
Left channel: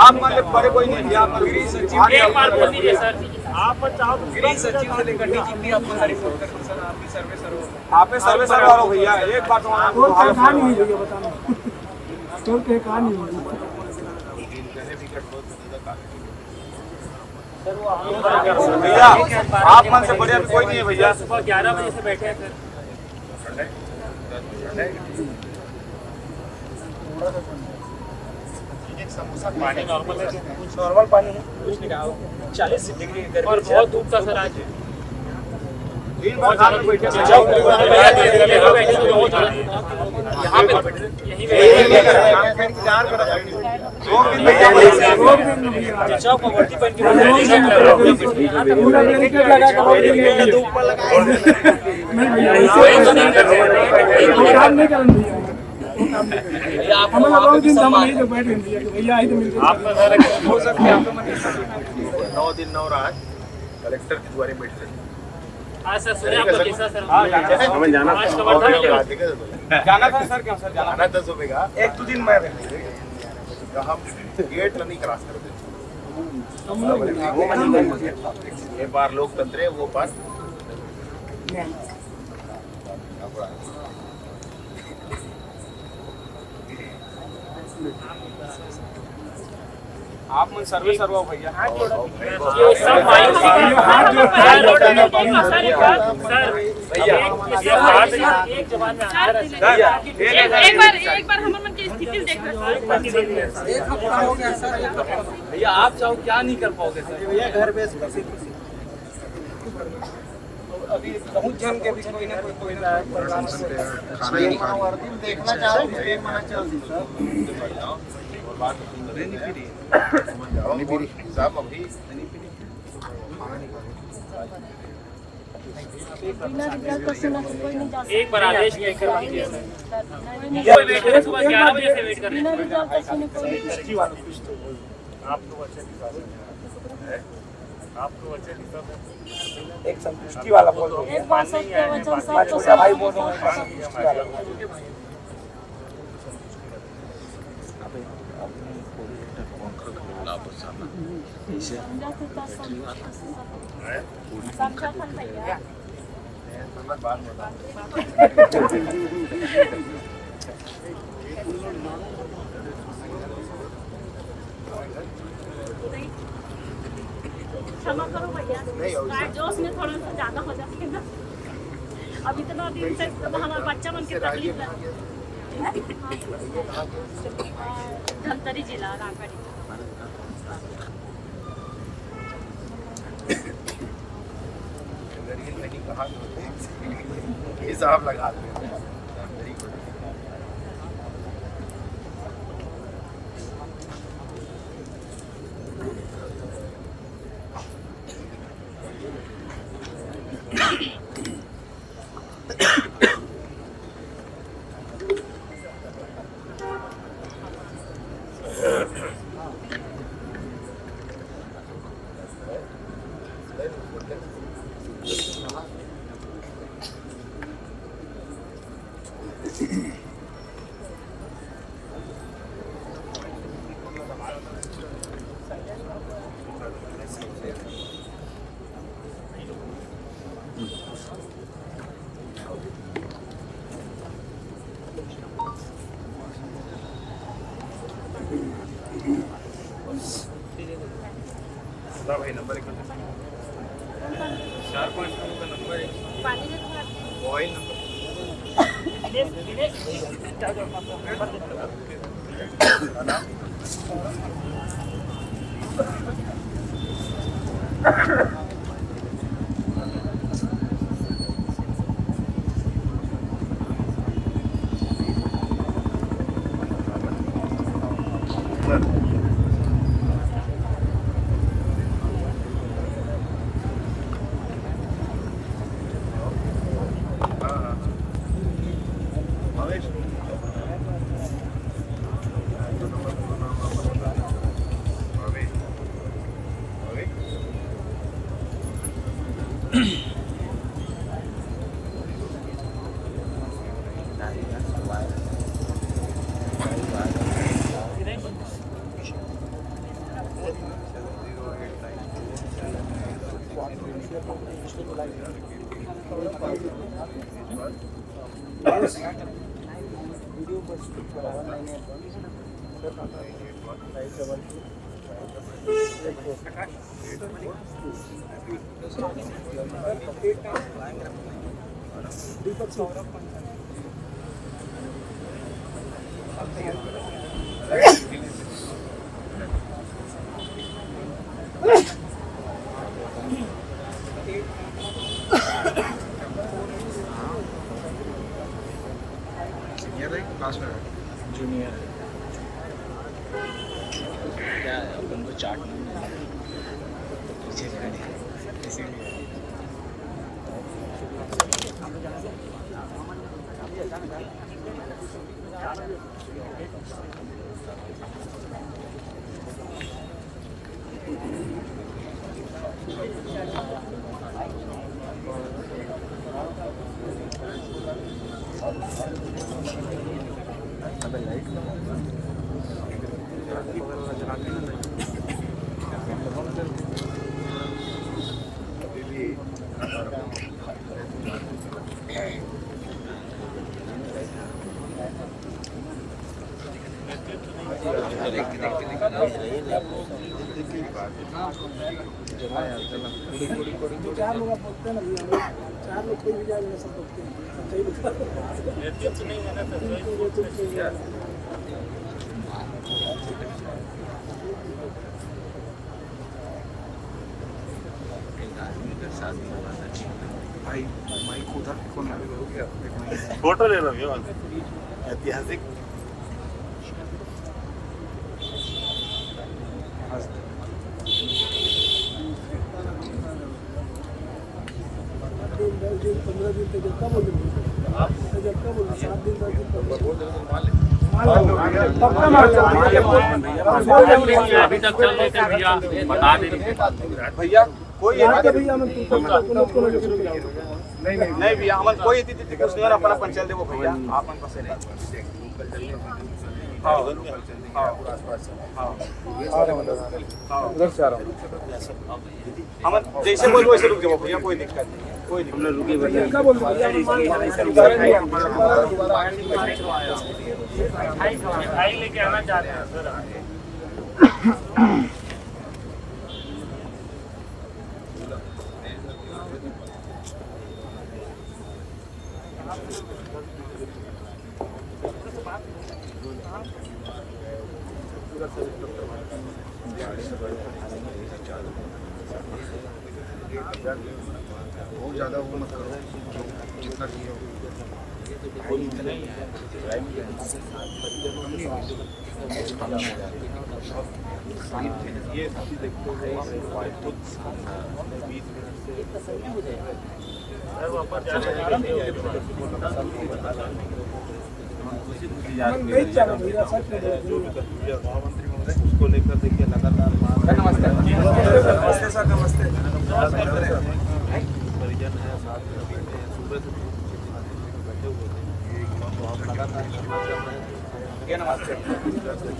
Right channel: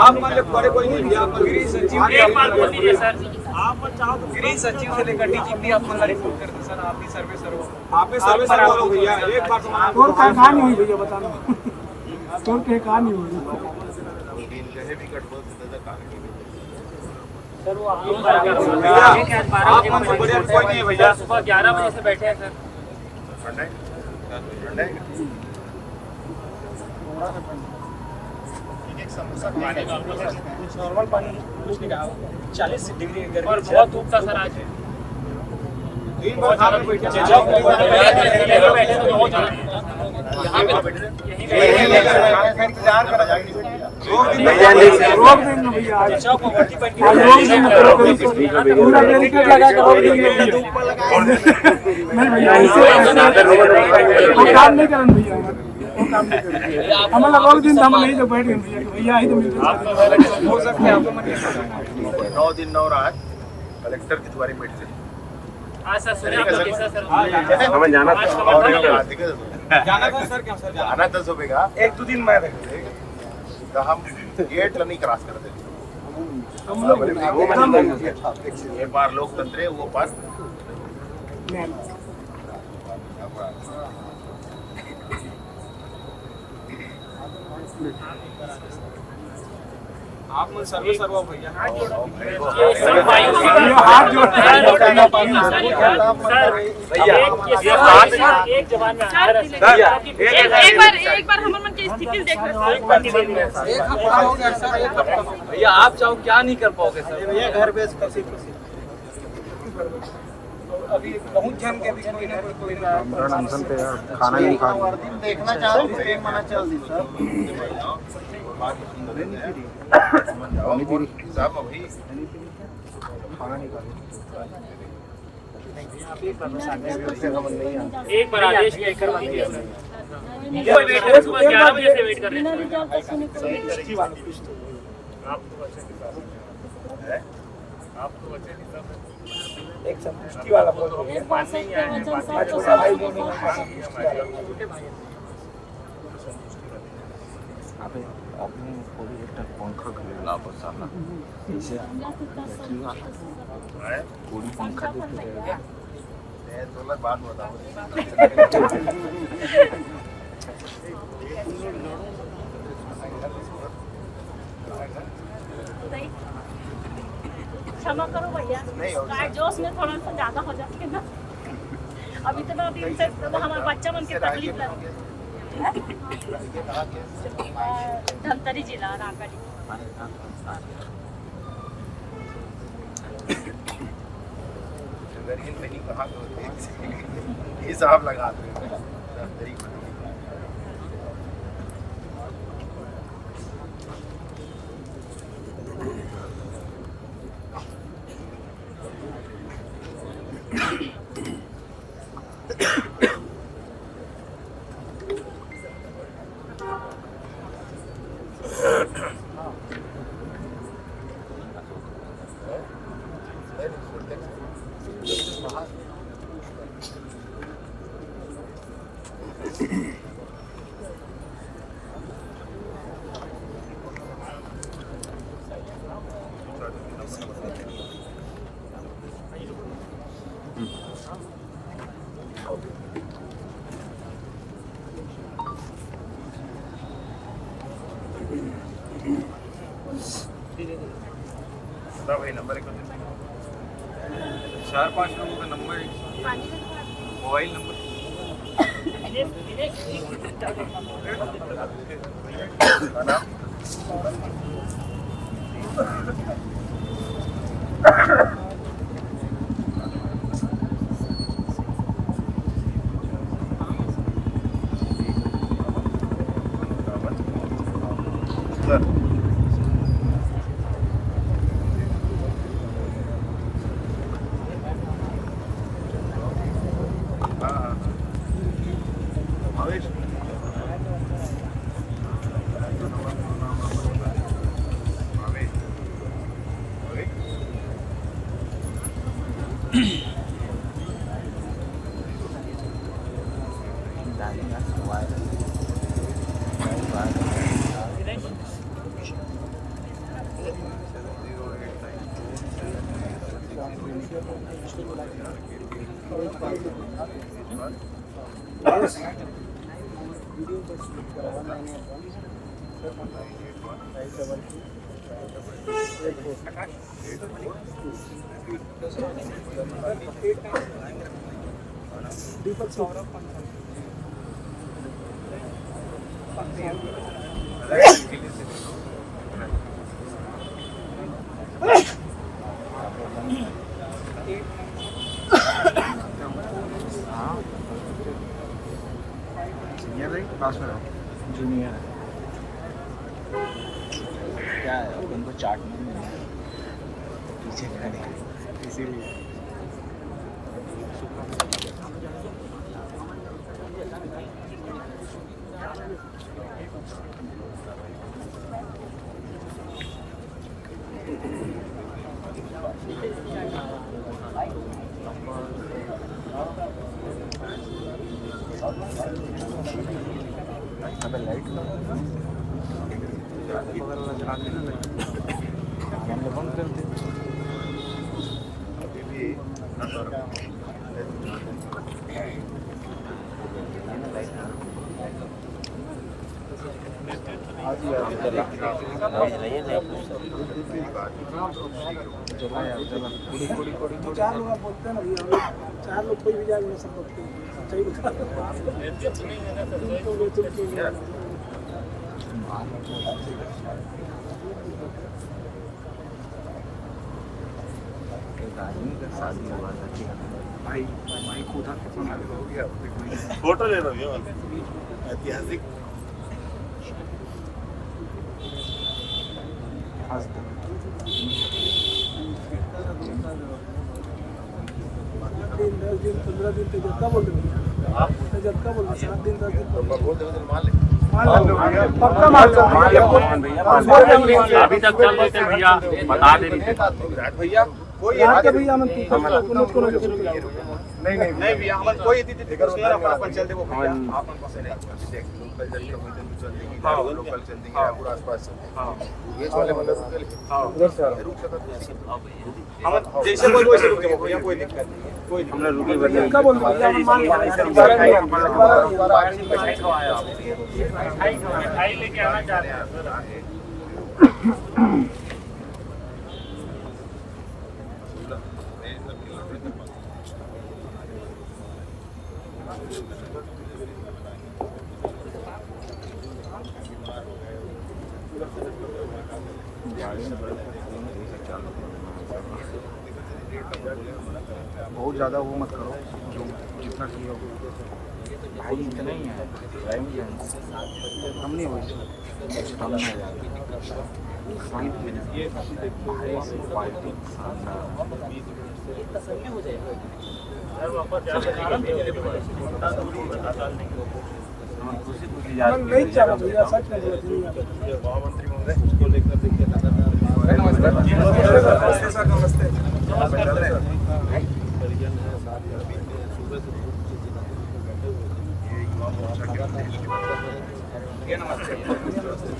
आप मन बड़े कोई नहीं भैया। गृह सचिव से लेकर डीजीपी आप मन रिपोर्ट करते सर। आप ही सर्वे सर आप सर्वे सर हो भैया। एक बार तो कहानी हुई भैया बताना तो कहानी हुई कहे भी कट बहुत ज्यादा कागज सर। वो आप मन से बढ़िया कोई नहीं है भैया। सुबह 11 बजे से बैठे हैं सर। ठंडा है थोड़ा सा एक समोसा पानी नॉर्मल है, कुछ नॉर्मल पानी है, कुछ नहीं कहा 40 डिग्री गर्मी और बहुत धूप था सर आज। बहुत ज्यादा बैठे यहाँ पे इंतजार करा जाएगा। रोक देंगे भैया, पूरा बैरिकेड लगा कर रोक देंगे। नहीं भैया, वो काम नहीं करें भैया, वो काम नहीं करें। हमारा रोक दिन हम नहीं तो बैठ गए भैया, भैया आई तो मिलते हो सकते हैं 9 दिन 9 रात कलेक्टर की द्वारे बैठ रहे। हाँ सर, सुनिए आप हमें जाना था सर, क्या सर जाना था सुबह का 1-2 दिन में तो हम गेट नहीं क्रॉस करते। ये पार लोकतंत्र है, वो पार आप मन सर्विस करवाओ भैया। एक बार हम मन की स्थिति देख रहे सर। भैया आप चाहो क्या नहीं कर पाओगे सर? ये घर पे अभी बहुत जन के बीच में कोई खाना ही नहीं खा देखना चाहते हैं, मना चल दी सर। और बात सुन रहे हैं जाओ साहब अभी खाना नहीं खा एक बार आदेश करवा दिया सर। वो वेट कर, सुबह 11 बजे से वेट कर रहे हैं। आपको एक संतुष्टि वाला बोल रहा हूँ, छोटा भाई बोल रहा हूँ, छोटे भाई बात बताओ। क्षमा करो भैया, जोश में थोड़ा सा ज्यादा हो जाते हैं ना। अब इतना दिन से हमारे बच्चा मन के तकलीफ लग धमतरी जिला रामगढ़। अगर मैंने कहा तो हिसाब लगा दे मेरी को भाई नंबर 4-5 लोगों का नंबर है, मोबाइल नंबर दीपक सौरभ सीनियर है क्लास में जूनियर दो चार लोग बोलते हैं ना भैया, 4 लोग कोई भी जान नहीं सकते, सच्चाई बता भाई माइक उठा के कौन हो गया फोटो ले लो ऐतिहासिक। दिन 15 दिन तक जब बोल रहे जब बोल रहे 7 दिन 10 दिन मान ले पक्का मान लो अभी तक चल रहे थे भैया, बता दे रही थे भैया कोई यहाँ के भैया हम नहीं भैया हम कोई इतनी फिक्र नहीं है, अपन चल दे वो भैया आपन बस नहीं हाँ लोकल चल देंगे पूरा आसपास हाँ ये वाले हाँ हम जैसे बोल वैसे रुक जाओ भैया, कोई दिक्कत नहीं, कोई हम लोग रुके भैया क्या बोल रहे हैं लेके आना चाह रहे हैं। बहुत ज़्यादा वो मत करो, जो जितना किए हो कम नहीं हो। नहीं चाह रहा भैया, सच में महामंत्री महोदय उसको लेकर देखिए लगातार नमस्ते सर, नमस्ते।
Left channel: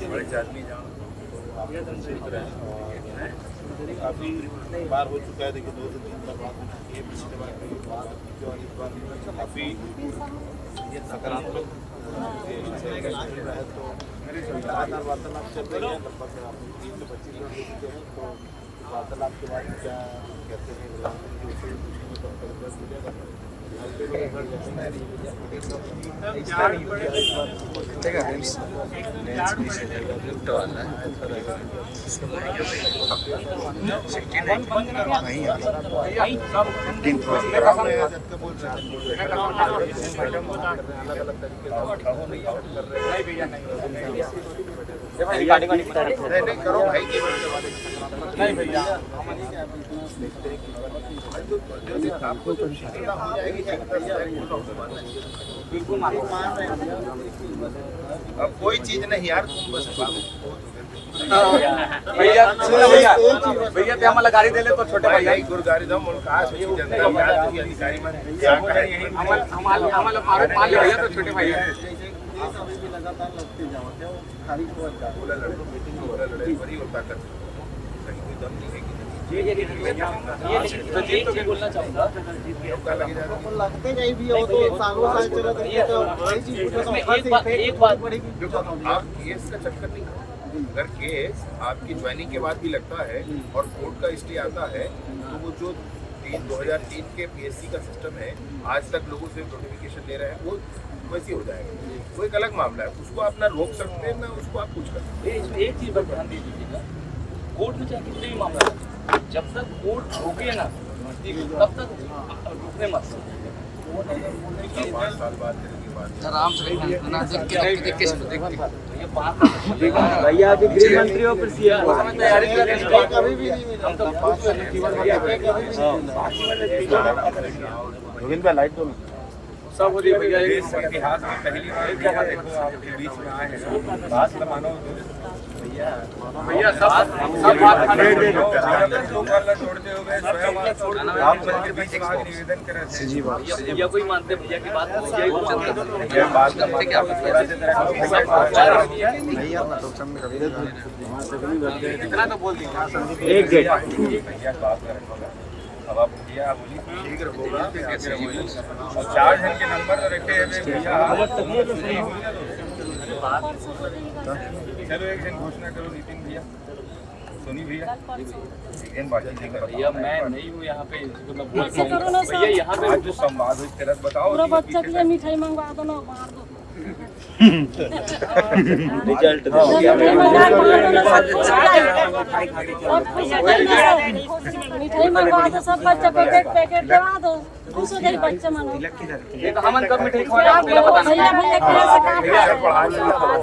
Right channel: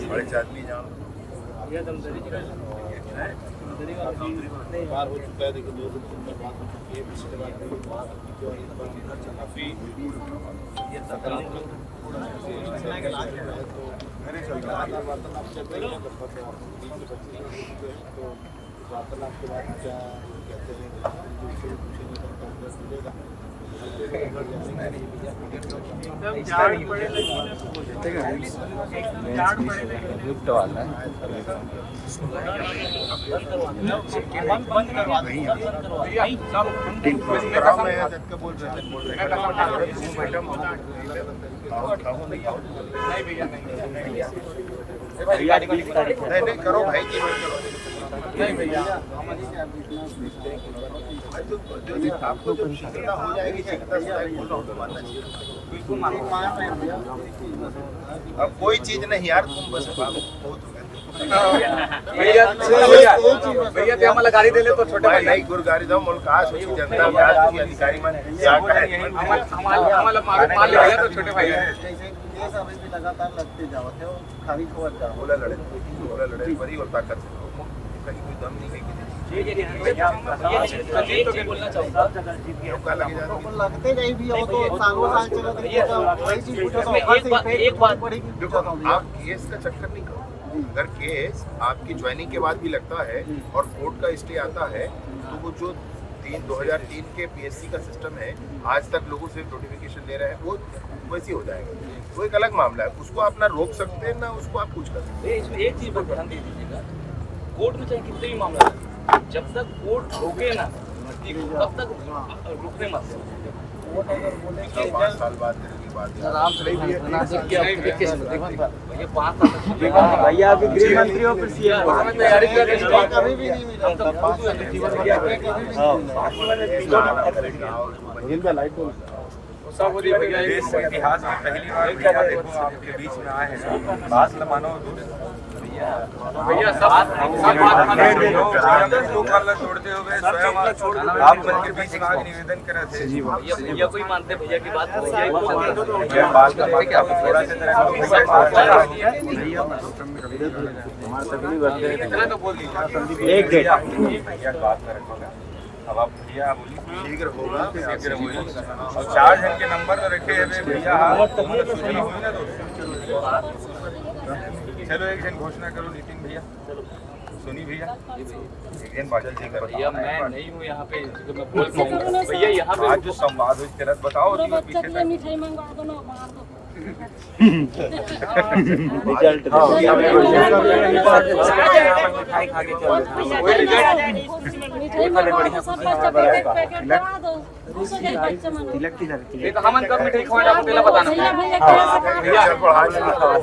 बड़े आदमी जान बार हो चुका है, देखिए 2 दिन काफी ये सकारात्मक वार्तालाप चल रही है। वार्तालाप के बाद क्या कहते हैं बोल रहे नहीं करो भाई, जीवन करो नहीं भैया आपको जब शीघ्रता हो जाएगी, शीघ्रता से बोल रहा हूँ तो मानना चाहिए। बिल्कुल मान रहे हैं भैया। अब कोई चीज नहीं यार, तुम बस बहुत हो गया भैया भैया हमारा गाड़ी दे ले तो छोटे भाई नहीं गुरु गाड़ी दो मुल्क आज जनता आज की अधिकारी मन क्या कहे हमारा मान ले भैया तो छोटे भाई अभी भी लगातार लगते जाओ, खाली खोल जाओ, बोला लड़े बड़ी और ताकत से कहीं कोई दम नहीं है कि बोलना चाहूँगा, लगते नहीं भी हो तो सालों साल चला वही चीज एक बात आप केस का चक्कर नहीं करो। अगर केस आपकी ज्वाइनिंग के बाद भी लगता है और कोर्ट का स्टे आता है तो वो जो 2003 के पीएससी का सिस्टम है, आज तक लोगों से नोटिफिकेशन ले रहे हैं, वो वैसे हो जाएगा। वो एक अलग मामला है, उसको आप ना रोक सकते हैं ना उसको आप कुछ कर सकते हैं। इसमें एक चीज पर ध्यान दे दीजिएगा, कोर्ट में चाहे कितने भी मामला है, जब तक कोर्ट रोके ना तब तक रुकने मत। 5 साल बाद करेंगे बात। आराम से देख के चलो, देख के भैया 5 साल तक भैया अभी तैयारी कर रहे हैं, कभी भी नहीं मिला। हम तो सब हो रही भैया, इतिहास में पहली बार आपके बीच में आए हैं, बात न मानो भैया, सब बात खाना छोड़ते हो गए स्वयं आप के बीच में निवेदन कर रहे थे। भैया कोई मानते भैया की बात, भैया को मानते बात करते क्या थोड़ा इतना तो बोल दीजिए भैया बात कर रखोगे। अब आप भैया बोलिए शीघ्र होगा, और 4 जन के नंबर तो रखे हैं भैया। चलो एक दिन घोषणा करो नीतिन भैया, सुनी भैया, एक दिन बात जल्दी करो भैया। मैं नहीं हूँ यहाँ पे, मैं बोल भैया यहाँ पे जो संवाद हुई तरह बताओ। बच्चा के लिए मिठाई मंगवा दो ना, बाहर दो। मिठाई मंगवा दो, सब बच्चा पैकेट दवा दो। दूसरे के बच्चे मांगो। हमन कब मिठाई खवाला बोला बताना भैया भैया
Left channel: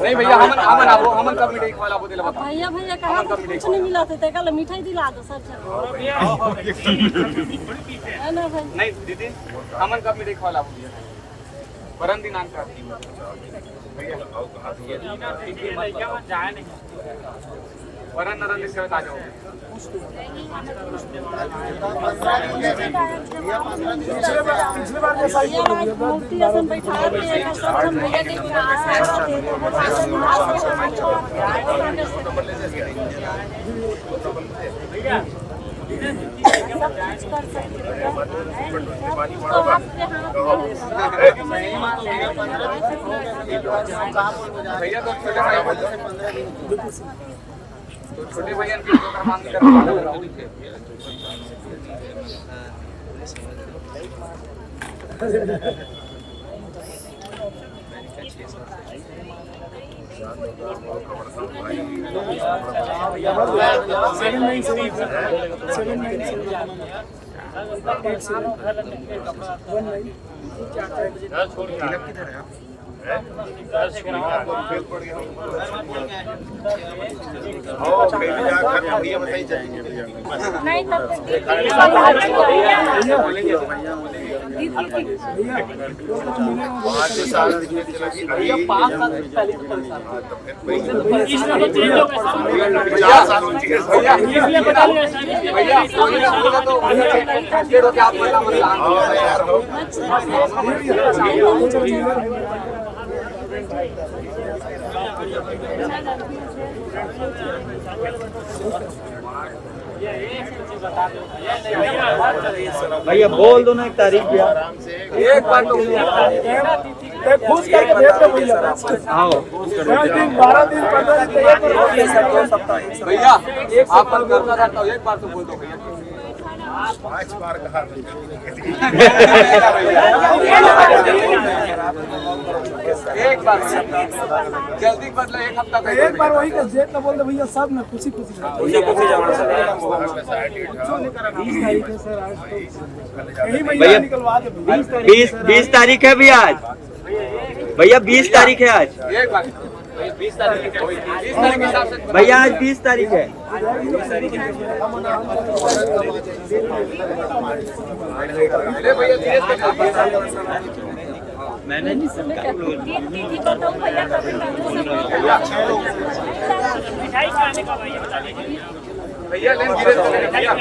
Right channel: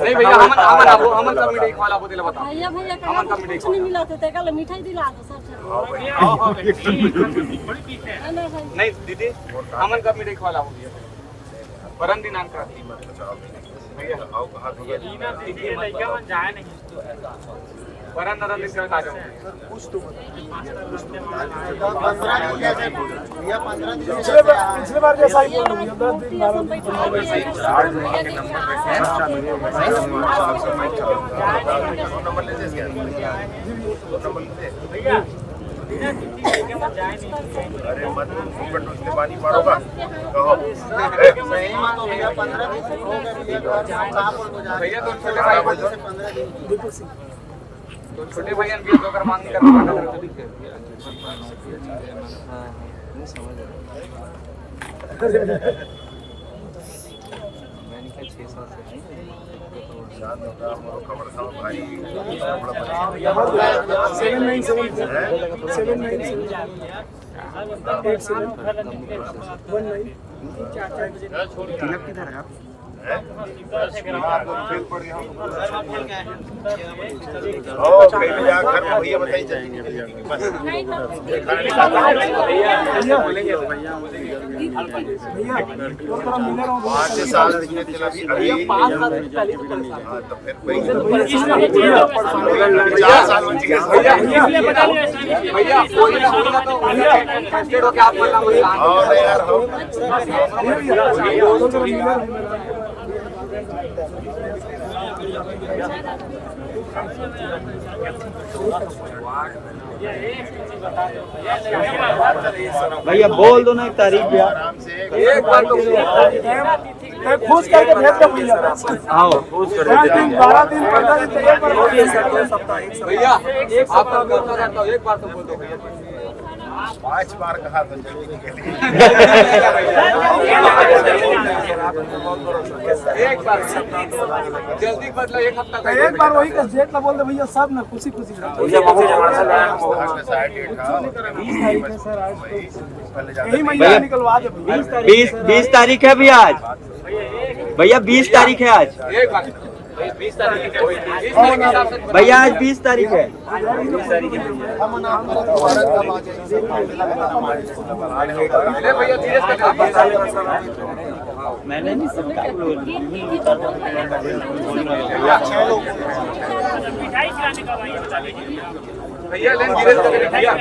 नहीं भैया हमन आबो हमन कब मिठाई खवाला बोला बता भैया हमन कब कुछ नहीं मिला थे कल मिठाई दिला दो सब। नहीं दीदी हमन कब मिठाई खवाला हो गया परम दिनांक का भैया आओ कहां तो दीदी लड़का मन जाए नहीं परम नरन लिख कर आ जाओ। पिछले बार जैसा ही मूर्ति ऐसा बैठा है नंबर ले जैसे भैया अरे मत उसने पानी मारोगा कहो भैया तो छोटे भाई से 15 दिन तो छोटे भैया भी तो कर मांग कर खबर था भाई 797 किधर है आप? भैया बताइए चलेंगे तो फिर 4 साल भैया यार हो भैया बोल दो ना तारीख पे आराम से एक बार तो खुश करके भेज दो भैया। हाँ 12 दिन 15 दिन तैयार कर भैया आप मन करता रहता हूँ एक बार तो बोल दो भैया 5 बार कहा तो एक बार जल्दी बदला एक हफ्ता का एक बार वही का डेट ना बोल दो भैया, सब ना खुशी खुशी यही महीना निकलवा दो भैया। 20 तारीख है भैया आज, भैया 20 तारीख है आज, एक बार 20 तारीख भैया आज 20 तारीख है। ले भैया धीरे से मैंने भैया लेन धीरे से भैया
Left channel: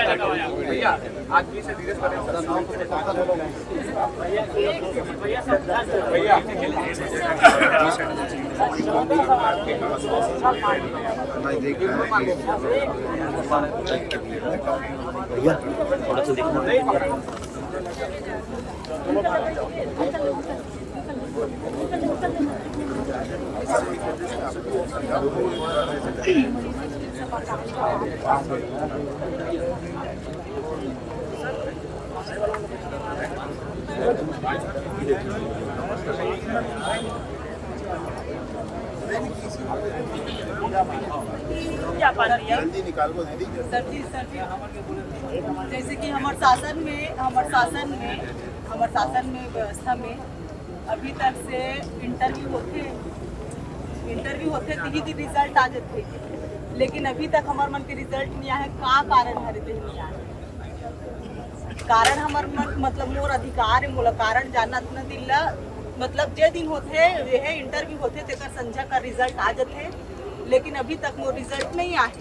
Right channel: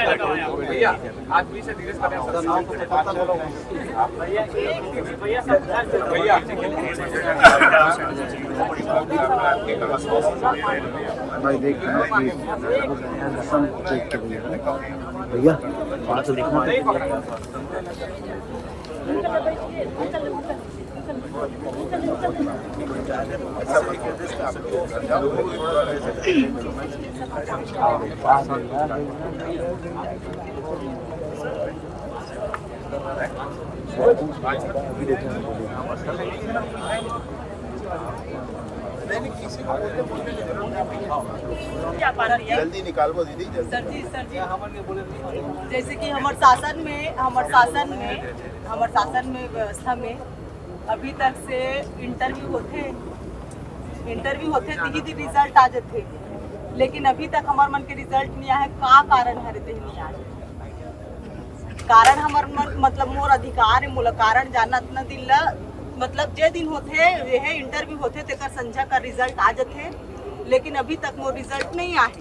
भैया आज 20 से धीरे से भैया भाई देख क्या पाना दिया? जल्दी निकालो दीदी। सर जी जैसे कि हमारे शासन में व्यवस्था में अभी तक से इंटरव्यू होते ती रिजल्ट आ जाते, लेकिन अभी तक हमार मन के रिजल्ट नहीं आए। का कारण है रहते नहीं आए? कारण हमार मन मतलब मोर अधिकार है, मोला कारण जानत न दिला। मतलब जे दिन होते यह इंटरव्यू होते तेकर संझा का रिजल्ट आ जाते, लेकिन अभी तक मोर रिजल्ट नहीं आए।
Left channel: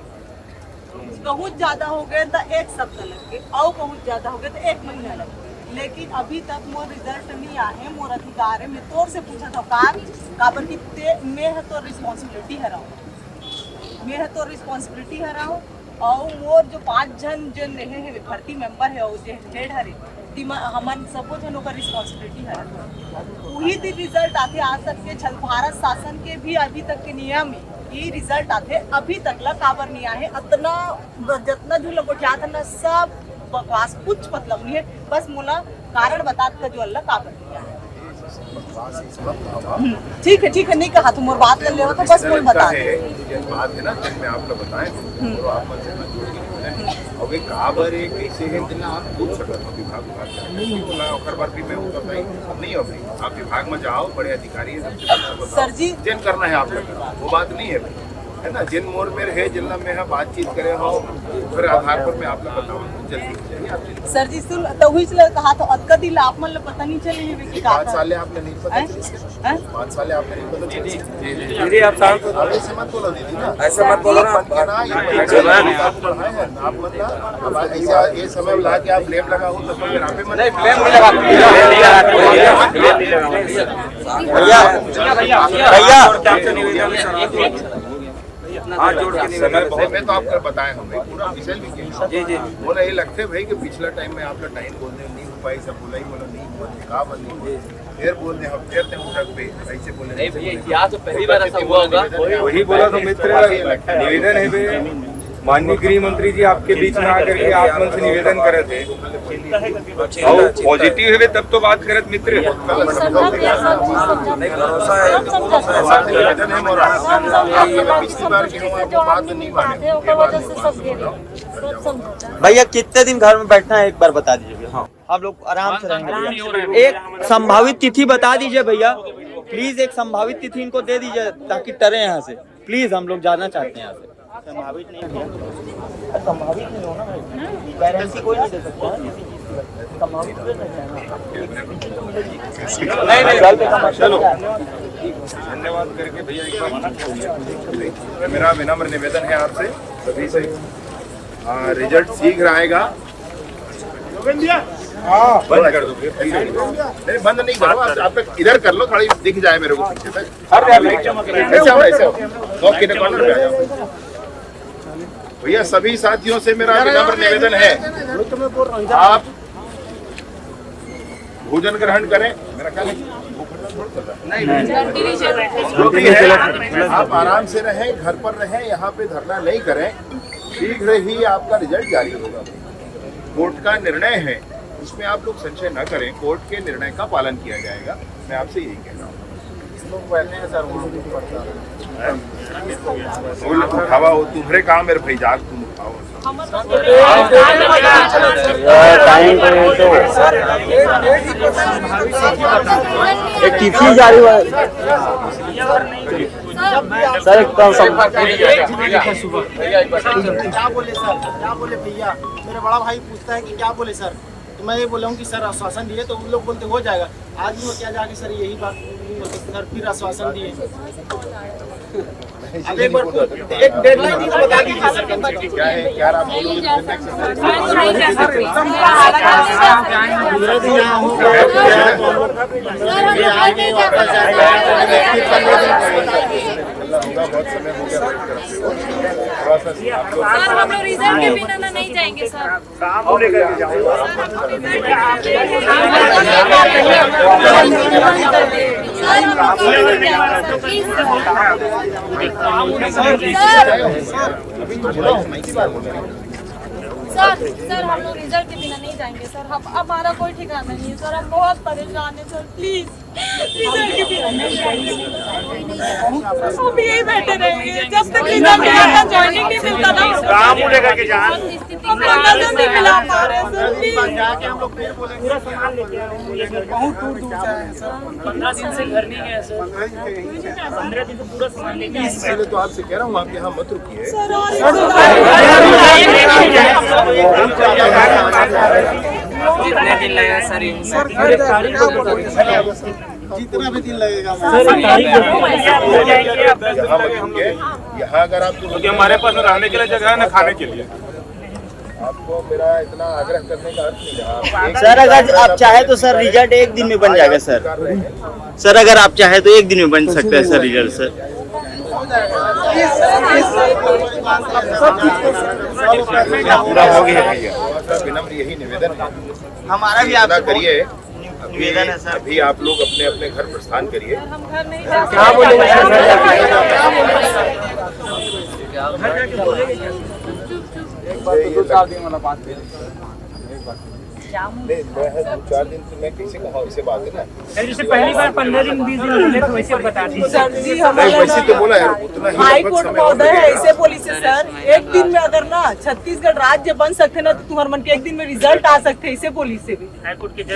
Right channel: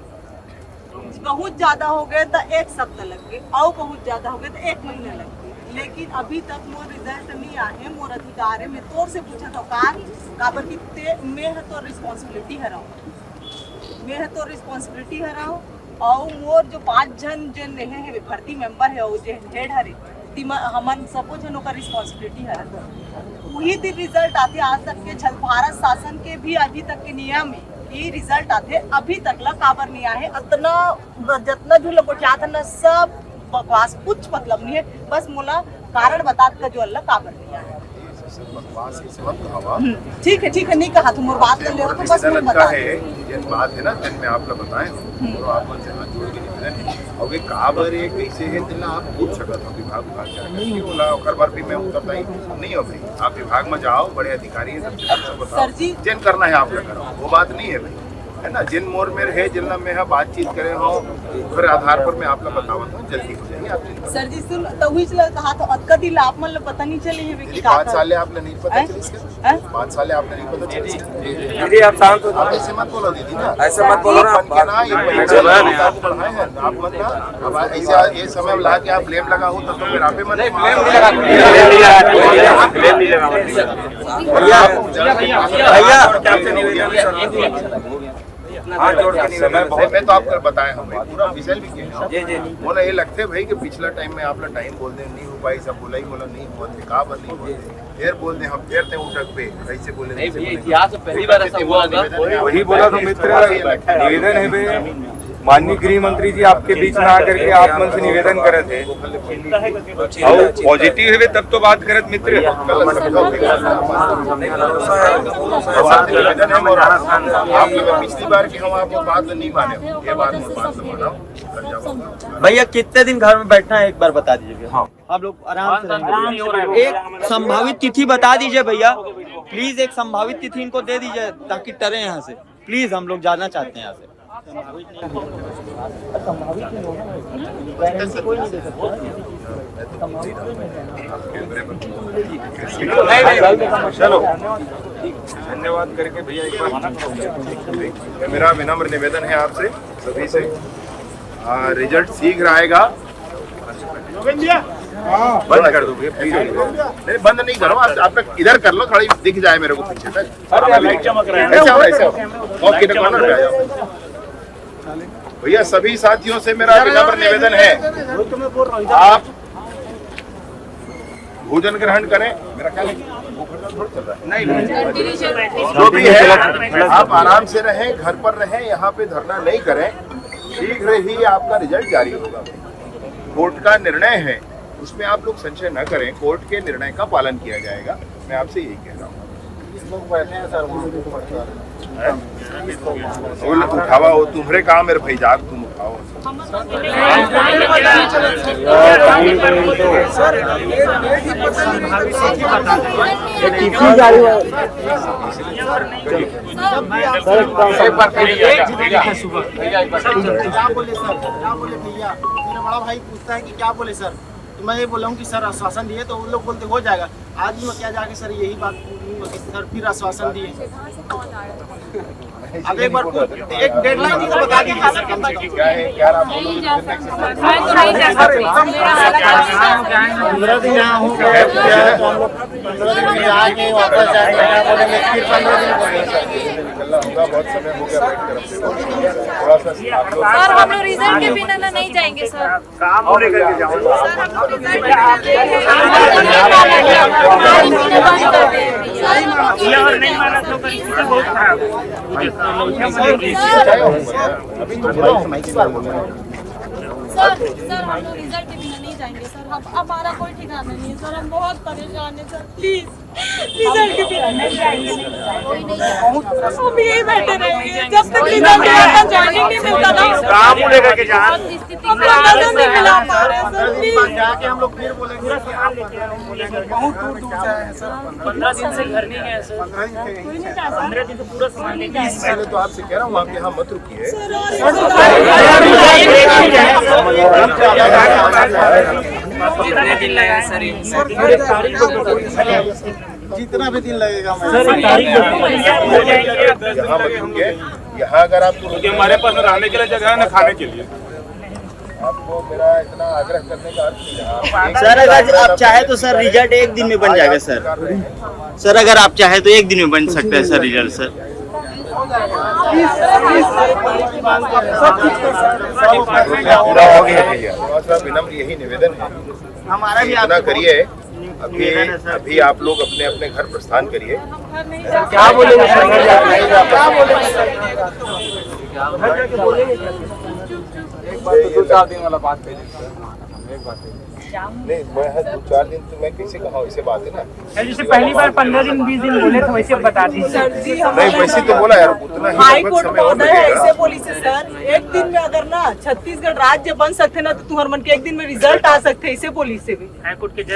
बहुत ज्यादा हो गए तो एक सप्ताह लग गए, और बहुत ज्यादा हो गए तो 1 महीना लग गए, लेकिन अभी तक मोर रिजल्ट नहीं आए। मोर अधिकार है, मैं तोर से पूछा था काबर की मैं है तो रिस्पॉन्सिबिलिटी हराओ और मोर जो 5 जन जो नहीं है भर्ती मेंबर है और जो हेड हरे हमन सबो जन का रिस्पॉन्सिबिलिटी हरा। वही दिन रिजल्ट आते आज तक के छल भारत शासन के भी अभी तक के नियम में ये रिजल्ट आते अभी तक ला काबर नहीं आए। इतना जितना भी लोग क्या था ना सब बकवास, कुछ मतलब नहीं है। बस मोला कारण बता का जो अल्लाह काबर नहीं आए। ठीक है नहीं कहा तुम और बात कर ले तो बस मोल बता है जिन बात है ना जिन में आप लोग बताए और आप मन से हाथ जोड़ के निवेदन है और वे काबर है कैसे है दिला आप पूछ सकत हो विभाग क्या करके बोला ओकर बार भी मैं उत्तर नहीं हो भाई। आप विभाग में जाओ, बड़े अधिकारी है, सबसे पूछो बताओ जिन करना है आप लोग करो, वो बात नहीं है भाई, है ना। जिन मोर में है जिला में है बातचीत करे हो फिर आधार पर मैं आप लोग बतावत हूं, जल्दी हो जाएगी आप जल्दी। सर जी सुन तो हुई चला कहा तो अतका दिल आप मन पता नहीं चले है कि का 5 साल आपने नहीं पता चली 5 साल आपने नहीं पता चली। दीदी आप शांत हो, ऐसे मत बोलो दीदी ना, ऐसे मत बोलो ना। आप ये समय ला के आप ब्लेम लगा हो तो फिर आप ही मत ब्लेम मैं तो आपको बताया हूँ पूरा विषय भी किया बोला ये लगते भाई कि पिछला टाइम में आप लोग टाइम बोल दे नहीं हो पाई, सब बोला ही बोला नहीं बोलते कहा बंद नहीं बोलते फिर बोल दे हम फिर उठक पे ऐसे बोले नहीं भैया इतिहास में पहली बार ऐसा हुआ होगा। वही बोला तो मित्र निवेदन है भाई, माननीय गृह मंत्री जी आपके बीच में आकर के आप मन से निवेदन करे थे और पॉजिटिव है तब तो बात करत मित्र। निवेदन है मोरा आप लोग पिछली बार की हम आपको बात नहीं माने, ये बात भैया कितने दिन घर में बैठना है एक बार बता दीजिए। हाँ आप लोग आराम से एक संभावित तिथि बता दीजिए भैया प्लीज, एक संभावित तिथि इनको दे दीजिए ताकि डरे यहाँ से प्लीज, हम लोग जाना चाहते हैं यहाँ से। संभावित नहीं चलो धन्यवाद करके भैया एक बार मेरा विनम्र निवेदन है आपसे सभी से, रिजल्ट शीघ्र आएगा। बंद कर दो नहीं, बंद नहीं करो आप इधर कर लो, थोड़ी दिख जाए मेरे को पीछे तक, ऐसे ओके कॉर्नर पे आ जाओ। भैया सभी साथियों से मेरा विनम्र निवेदन है आप भोजन ग्रहण करें। मेरा ख्याल है भूख हड़ताल थोड़ी चल रहा है, नहीं जो भी है आप आराम से रहें, घर पर रहें, यहाँ पे धरना नहीं करें। शीघ्र ही आपका रिजल्ट जारी होगा। कोर्ट का निर्णय है उसमें आप लोग संशय न करें, कोर्ट के निर्णय का पालन किया जाएगा। मैं आपसे यही कह रहा हूँ। उठावा हो तुम्हारे काम मेरे भाई जाग तुम उठाओ मेरा बड़ा भाई पूछता है कि क्या बोले सर, तो मैं ये बोला हूँ कि सर आश्वासन दिए, तो उन लोग बोलते हो जाएगा। आज भी मैं क्या जाके सर यही बात सर फिर आश्वासन दिए। अब एक बार एक डेडलाइन दी तो बता दीजिए सर कम से कम। सर हम लोग रिजल्ट के बिना ना नहीं जाएंगे सर। काम होने करके जाओ सर हम लोग रिजल्ट के बिना नहीं माना तो बहुत खराब सर हम लोग रिजल्ट के बिना नहीं जाएंगे सर, हम हमारा कोई ठिकाना नहीं है सर, हम बहुत परेशान है सर, प्लीज रिजल्ट के बिना नहीं जाएंगे, हम यही बैठे रहेंगे जब तक रिजल्ट नहीं आता, ज्वाइनिंग नहीं मिलता ना, काम लेकर के जान हम लोग नजर नहीं मिला पा रहे सर, प्लीज। जाके हम लोग फिर बोलेंगे बहुत दूर दूर से आए हैं सर, 15 दिन से घर नहीं गए सर, 15 दिन से पूरा सामान लेके आए इसलिए तो आपसे कह रहा हूँ आप यहाँ मत रुकिए। कितने दिन लगा सर? जितना भी दिन लगेगा यहाँ मत रुकिए, यहाँ अगर आप क्योंकि हमारे पास न रहने के लिए जगह है न खाने के लिए। मेरा इतना आग्रह करने का सर अगर आप चाहे तो सर रिजल्ट एक दिन में बन जाएगा सर। सर अगर आप चाहे तो एक दिन में बन सकता है सर रिजल्ट सर। थोड़ा सा विनम्र यही निवेदन है, हमारा भी इतना करिए। अभी आप लोग अपने अपने घर प्रस्थान करिए। दो चार दिन वाला बात है। नहीं 2-4 दिन से मैं कैसे कहा, ऐसे बात है ना। सर जैसे पहली बार 15 दिन 20 दिन बोले थे वैसे बता दीजिए। सर जी नहीं वैसे तो बोला यार, उतना ही हाई लगभग कोर्ट समय और महोदय लगेगा। ऐसे बोली से सर, एक दिन में अगर ना छत्तीसगढ़ राज्य बन सकते ना तो तुम्हारे मन के एक दिन में रिजल्ट आ सकते, ऐसे बोली से भी हाई कोर्ट के जज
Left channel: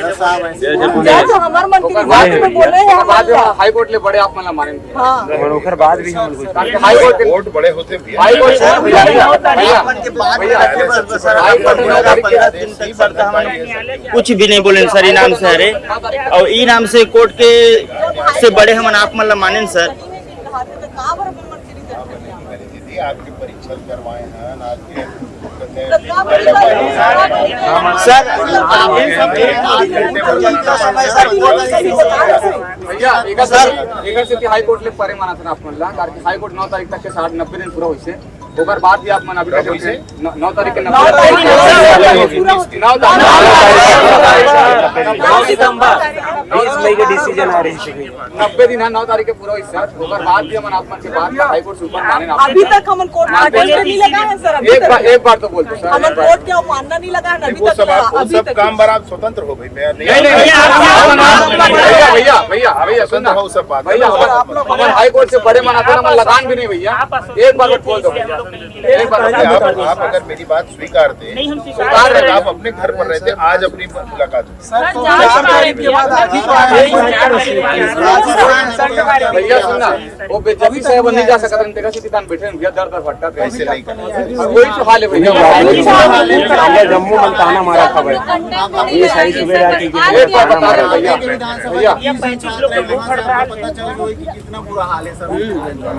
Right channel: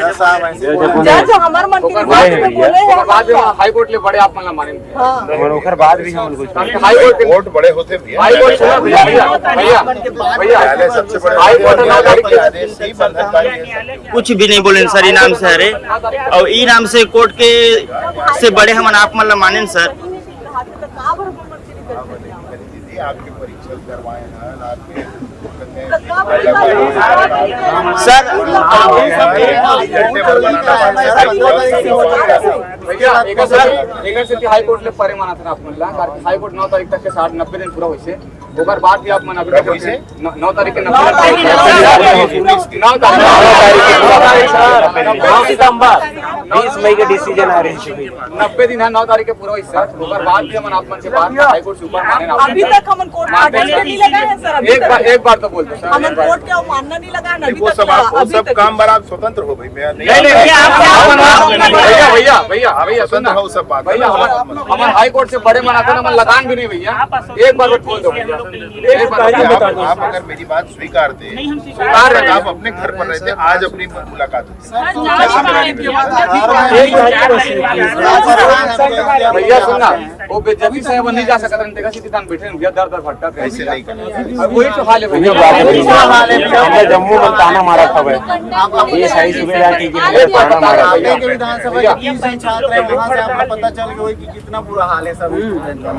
जज हमारे मन की बात में बोले हैं बाद हाई कोर्ट ले बड़े आप मतलब मानेंगे। हाँ हाई कोर्ट कोर्ट बड़े होते भैया। हाई कोर्ट भैया पहले सबसे बड़ा हाई कोर्ट 9 तारीख के कुछ भी नहीं बोले सर इनाम से अरे, और इनाम से कोर्ट के से बड़े हम आप मतलब माने सर। दीदी आपके परीक्षण करवाए हैं आपके सर भैया एक से हाई कोर्ट ले परे माना था आप म्हणला, कारण की हाई कोर्ट 9 तारीख तक के 90 दिन पूरा होइसे, ओकर बाद भी आप मन अभी 9 तारीख के 90 दिन है 9 तारीख के पूरा होइसे, ओकर बाद भी हम आप मन के बाद हाई कोर्ट से ऊपर माने ना। अभी तक हम कोर्ट नहीं लगा है सर, एक बार तो बोलते सर, हम कोर्ट क्या मानना नहीं लगा है ना, वो सब आप सब काम पर आप स्वतंत्र हो भाई। मैं नहीं भैया स्वतंत्र हो सब बात। भैया हमारे हाई कोर्ट से बड़े मनाते ना, हमारे लगान भी नहीं भैया, एक बार बोल दो भैया, एक बार आप अगर मेरी बात स्वीकारते आप अपने घर पर रहते, आज अपनी मुलाकात होती। भैया सुनना, वो बेजती से वो नहीं जा सकता, तेरा सीधी दान बैठे भैया, दर दर भटका ऐसे नहीं करना। वही तो हाल है भैया। एक बार बता दें भैया, पता चल गया कि कितना बुरा हाल है सर।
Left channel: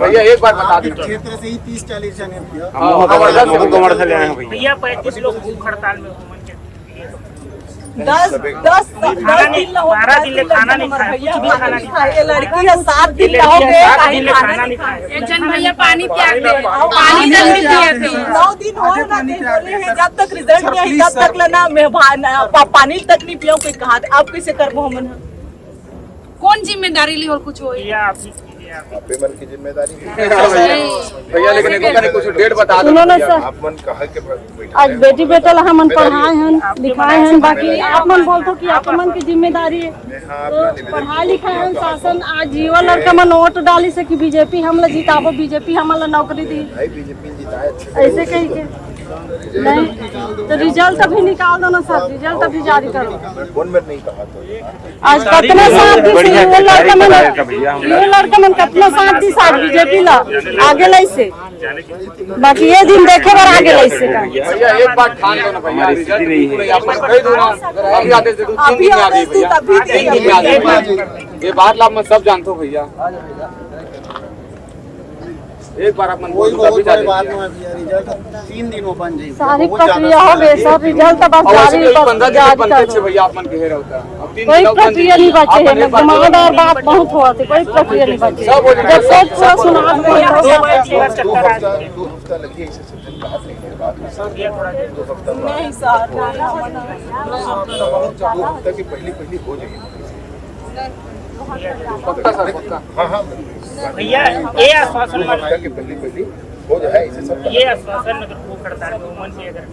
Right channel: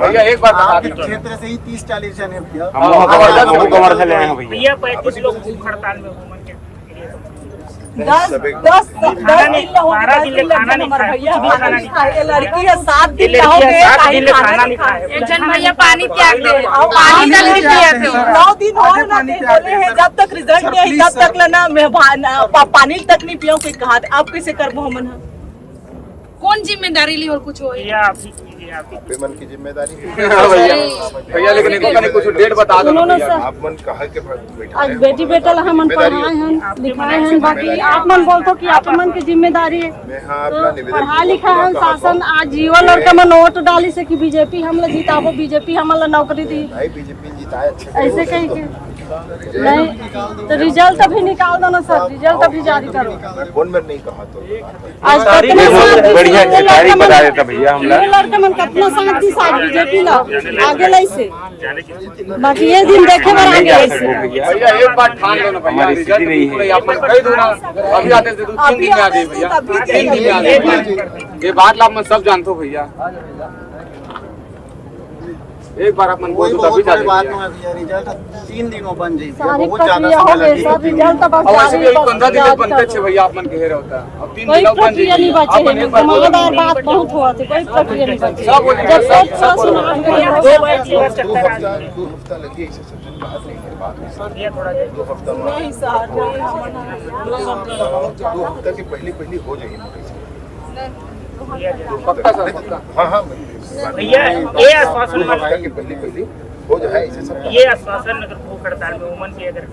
भैया एक बार बता दें, क्षेत्र से ही 30-40 जने भैया। जबरदस्त है भैया 35 लोग भूख हड़ताल में हो, 10 दिन खाना नहीं खाया, लड़की है 7 दिन खाना नहीं खाया, एक जन भैया पानी त्याग दे, पानी तक नहीं पिए थे। 9 दिन और बोले हैं जब तक रिजल्ट नहीं आई तब तक लेना मैं पानी तक नहीं पिया, कोई कहा आप कैसे कर मोहम्मद। कौन जिम्मेदारी ली और कुछ हो? भैया आप ही कीजिए, आप ही। मन की जिम्मेदारी भैया, लेकिन एक कुछ डेट बता दो। आप मन कहा के बैठा आज बेटी बेटा ला हमन पढ़ाए हैं लिखाए हैं, बाकी आप मन बोलते कि आप मन की जिम्मेदारी है तो पढ़ा लिखा है शासन। आज जीवा लड़का मन वोट डाली से कि बीजेपी हमला जिताबो, बीजेपी हमला नौकरी दी, ऐसे कही के नहीं तो रिजल्ट अभी निकाल दो ना सर, रिजल्ट अभी जारी करो। कौन मैं नहीं कहा तो आज कितना शांति से ये लड़का मन कितना शांति से बीजेपी ला आगे लाई से, बाकी ये दिन देखे बार आगे लाई से। भैया एक बार ठान लो ना भैया, रिजल्ट बिल्कुल नहीं, आप कही दो ना, अभी आते 3 दिन में आ गई भैया, 3 दिन में आ गई, ये बात आप मन सब जानते हो भैया। एक बार आप मन बोल दो तभी जाते भैया। रिजल्ट 3 दिन में बन जाएगी, बहुत ज्यादा समय लगेगा। और वैसे भी 15 दिन तक बनते थे भैया, आप मन कहे होता है, अब 3 दिन बन प्रक्रिया नहीं बचे है, बात बहुत हुआ थी, कोई प्रक्रिया नहीं बची। सब हो जाएगा, 2 हफ्ता लगी ऐसे सज्जन बात नहीं है, बात 2 हफ्ता में 2 हफ्ता की पहली हो जाएगी पक्का सर पक्का। हाँ भैया ये आश्वासन के पहली हो जाए ऐसे सब। ये आश्वासन अगर भूख हड़ताल में उमन की अगर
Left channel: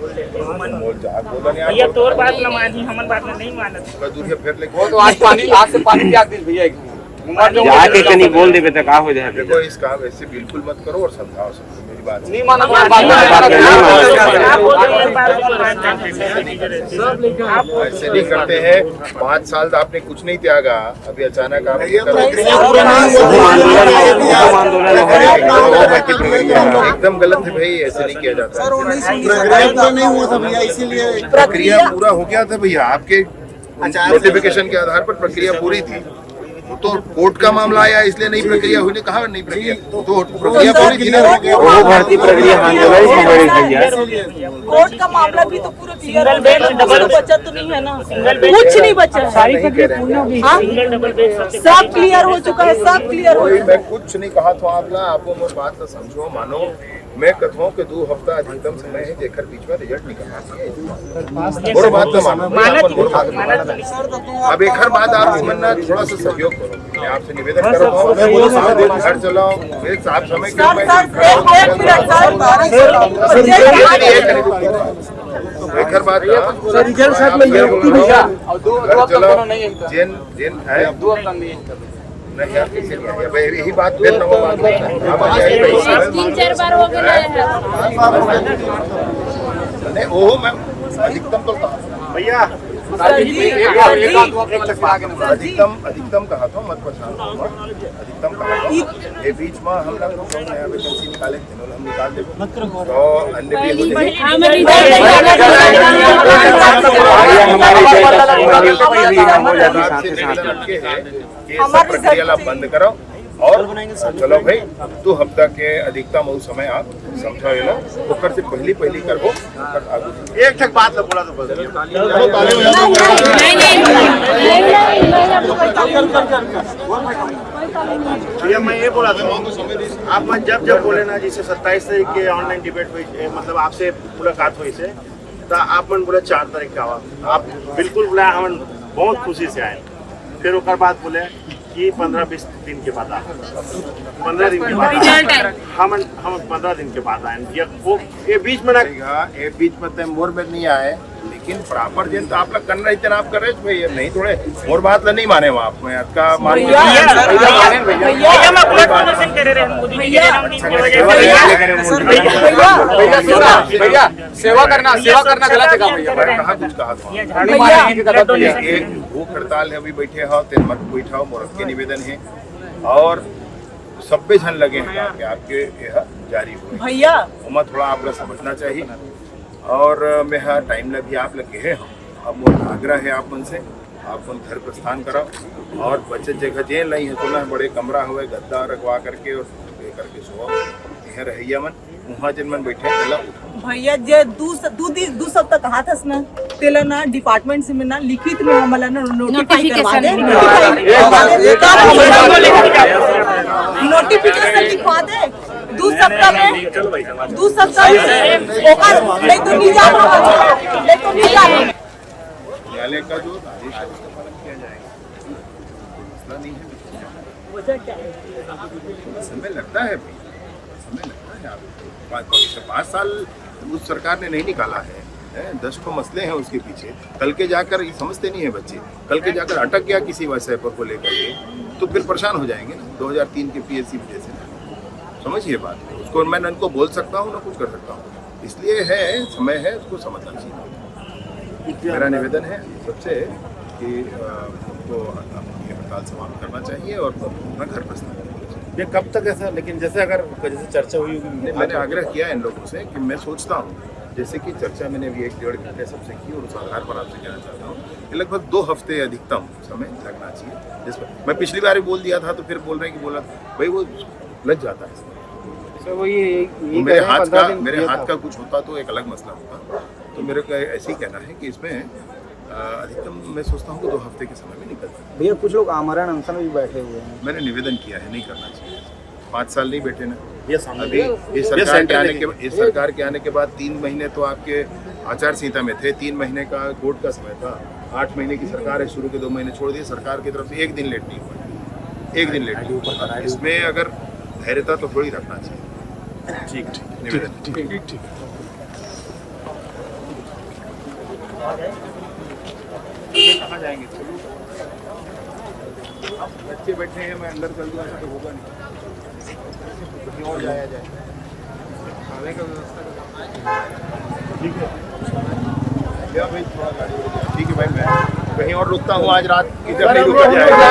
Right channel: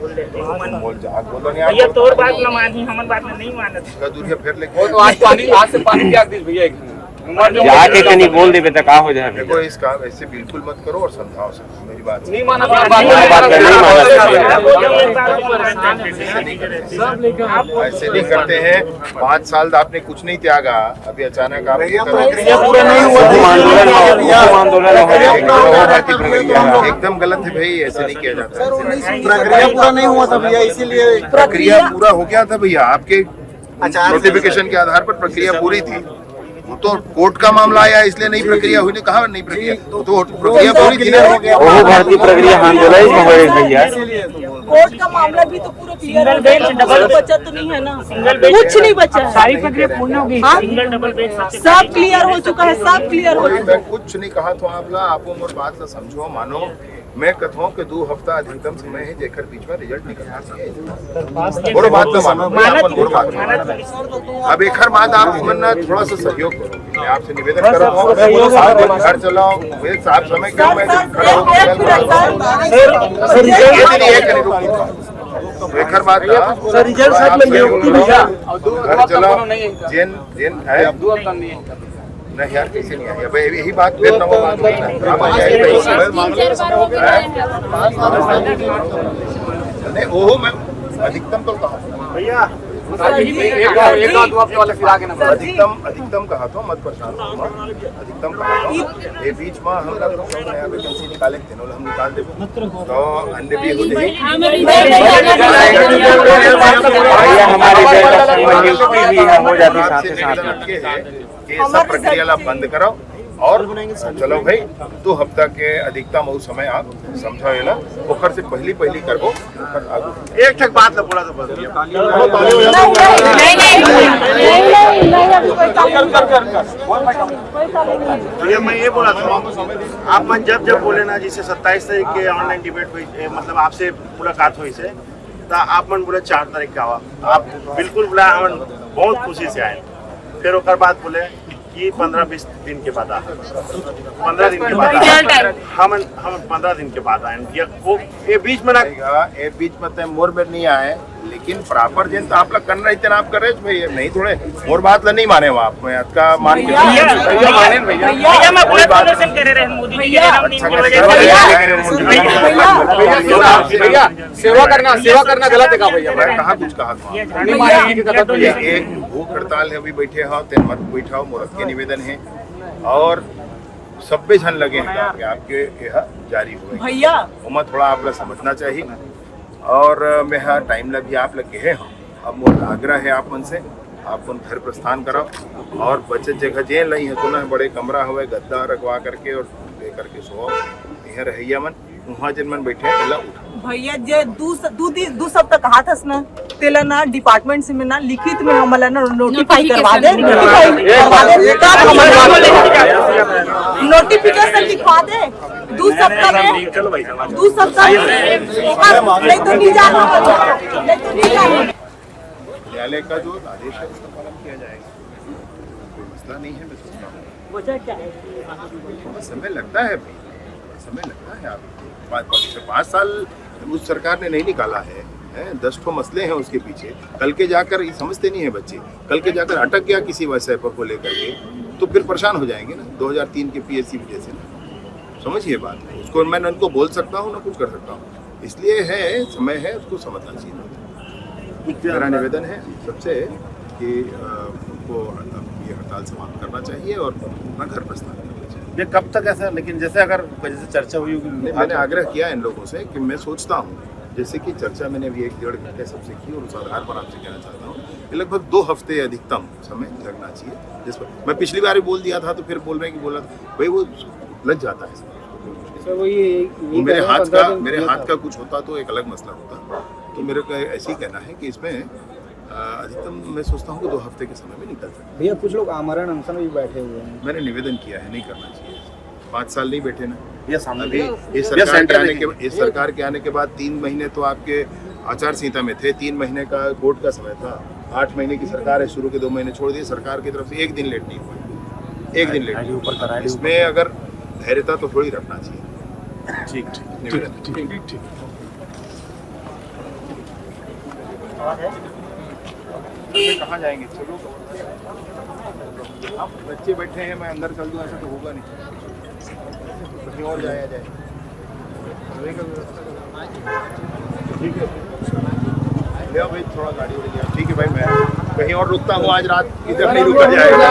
बोल देते हैं बोल जा बोलो नहीं भैया तोर बात ना मानी हमन बात ना नहीं मानत दूरिया फिर लेके वो तो आज से पानी त्याग दी भैया देखो इस काम ऐसे बिल्कुल मत करो और समझाओ सबको मेरी बात नहीं माना ऐसे नहीं करते हैं। 5 साल आपने कुछ नहीं त्यागा, अभी अचानक आप ये करो, एकदम गलत है भाई, ऐसे नहीं किया जाता है। प्रक्रिया पूरा नहीं हुआ था भैया, इसीलिए प्रक्रिया पूरा हो गया था भैया, आपके नोटिफिकेशन के आधार पर प्रक्रिया पूरी थी। वो तो कोर्ट का मामला आया इसलिए नहीं प्रक्रिया हुई, कहा नहीं प्रक्रिया, तो प्रक्रिया पूरी थी ना। कोर्ट का मामला भी तो पूरा सिंगल बेंच डबल बचा तो नहीं है ना, कुछ नहीं बचा है, सारी प्रक्रिया पूर्ण होगी, सिंगल डबल बेंच सब क्लियर हो चुका है, सब क्लियर हो चुका है। मैं कुछ नहीं कहा तो आपको मोर बात ना समझो, मानो मैं कहता कि 2 हफ्ता अधिकतम समय है, जेकर बीच में रिजल्ट निकलना चाहिए। और बात ना मानो, अब एक हर बात आप मन्ना थोड़ा सा सहयोग करो, मैं आपसे निवेदन कर रहा हूँ, आप मन घर चलाओ, आप समय क्यों मैं एक हर बात घर चलाओ, जेन है नहीं यार, कैसे नहीं आया यही बात, फिर नवा बात होता है। आप आई भाई नहीं, वो मैं अधिकतम तो कहा था भैया, अधिकतम कहा था, मत अधिकतम ये बीच में हम निकाले हम निकाल दे तो अन्य भी हो जाए। आपसे निवेदन अटके है कि सब प्रक्रिया ला बंद करो और चलो भाई 2 हफ्ता के अधिकतम वो समय आप समझाओ ना, ओकर से पहली कर को एक तक बात बोला तो बस भैया मैं ये बोला था, आप मन जब बोले ना, जिसे 27 तारीख के ऑनलाइन डिबेट हुई, मतलब आपसे मुलाकात हुई से, तो आप मन बोले 4 तारीख का आवा, आप बिल्कुल बोला, हम बहुत खुशी से आए। फिर ओकर बाद बोले कि 15-20 दिन के बाद 15 दिन के बाद हम 15 दिन के बाद आए, ये बीच में ना, ये बीच में मोर में नहीं आए, लेकिन प्रॉपर जिन तो आप लोग कर रहे थे ना, आप कर रहे थे भैया, नहीं थोड़े मोर बात ला नहीं माने आप में का मान के भैया माने भैया मैं पूरा प्रमोशन कर रहे हैं मोदी जी के नाम की वजह से भैया सेवा करना गलत है का भैया, मैं कहा कुछ कहा था एक भूख हड़ताल है, अभी बैठे हो तेन मत बैठाओ, मोरत के निवेदन है और सब्बे जन लगे हैं आपके यह जारी हुए भैया, उमा थोड़ा आप लोग समझना चाहिए और मैं हर टाइम ला भी आप लगे हैं। अब मोर आग्रह है आप मन से, आप मन घर प्रस्थान कराओ और बचत जगह जे लाई है सुना है, बड़े कमरा हुए गद्दा रखवा करके और दे करके सो यह रहिया मन वहाँ जिन मन बैठे हैं उठा भैया जे 2 सप्ताह कहा था ना, तेला ना डिपार्टमेंट से में ना लिखित में हमला ना नोटिफाई करवा दे, नोटिफिकेशन लिखवा दे 2 सप्ताह में, 2 सप्ताह नहीं तो नहीं जाना, न्यायालय का जो आदेश है उसका पालन किया जाएगा, कोई मसला नहीं है। समय लगता है भाई, समय लगता है, आप 5 साल उस सरकार ने नहीं निकाला है, 10 ठो मसले हैं उसके पीछे, कल के जाकर ये समझते नहीं है बच्चे, कल के जाकर अटक गया किसी विषय पर को लेकर के तो फिर परेशान हो जाएंगे ना, 2003 के PSC वजह से ना, समझिए बात है, उसको मैं न उनको बोल सकता हूँ ना कुछ कर सकता हूँ, इसलिए है समय है, उसको समझना चाहिए बात। मेरा निवेदन है सबसे कि उनको ये हड़ताल समाप्त करना चाहिए और अपना घर प्रस्थान करना चाहिए। ये कब तक ऐसा, लेकिन जैसे अगर जैसे चर्चा हुई होगी, मैंने आग्रह किया इन लोगों से कि मैं सोचता हूँ जैसे कि चर्चा मैंने अभी 1-1.5 घंटे सबसे की और उस आधार पर आपसे कहना चाहता हूँ कि लगभग 2 हफ्ते अधिकतम समय लगना चाहिए, जिस पर मैं पिछली बार भी बोल दिया था, तो फिर बोल रहे हैं कि बोला भाई वो लग जाता है, मेरे हाथ का कुछ होता तो एक अलग मसला होता, तो मेरे को ऐसे ही कहना है कि इसमें अधिकतम मैं सोचता हूँ कि 2 हफ्ते के समय में निकल सकते। भैया कुछ लोग आमरण अनशन में भी बैठे हुए हैं, मैंने निवेदन किया है, नहीं करना चाहिए, 5 साल नहीं बैठे ना, अभी इस सरकार के आने के बाद 3 महीने तो आपके आचार संहिता में थे, 3 महीने का कोर्ट का समय था, 8 महीने की सरकार है, शुरू के 2 महीने छोड़ दिए, सरकार की तरफ से 1 दिन लेट नहीं हुआ, 1 दिन लेट नहीं हुआ, इसमें अगर धैर्यता तो थोड़ी रखना चाहिए। ठीक निवेदन। कहाँ जाएंगे? चलो अब बच्चे बैठे हैं, मैं अंदर चल दूँ, ऐसा तो होगा नहीं, कहीं और जाया जाए। ठीक है, ले आओ भाई थोड़ा गाड़ी उड़ गया। ठीक है भाई, मैं कहीं और रुकता हूँ, आज रात इधर नहीं रुका जाएगा।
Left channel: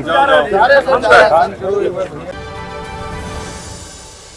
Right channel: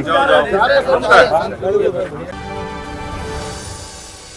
जाओ जाओ।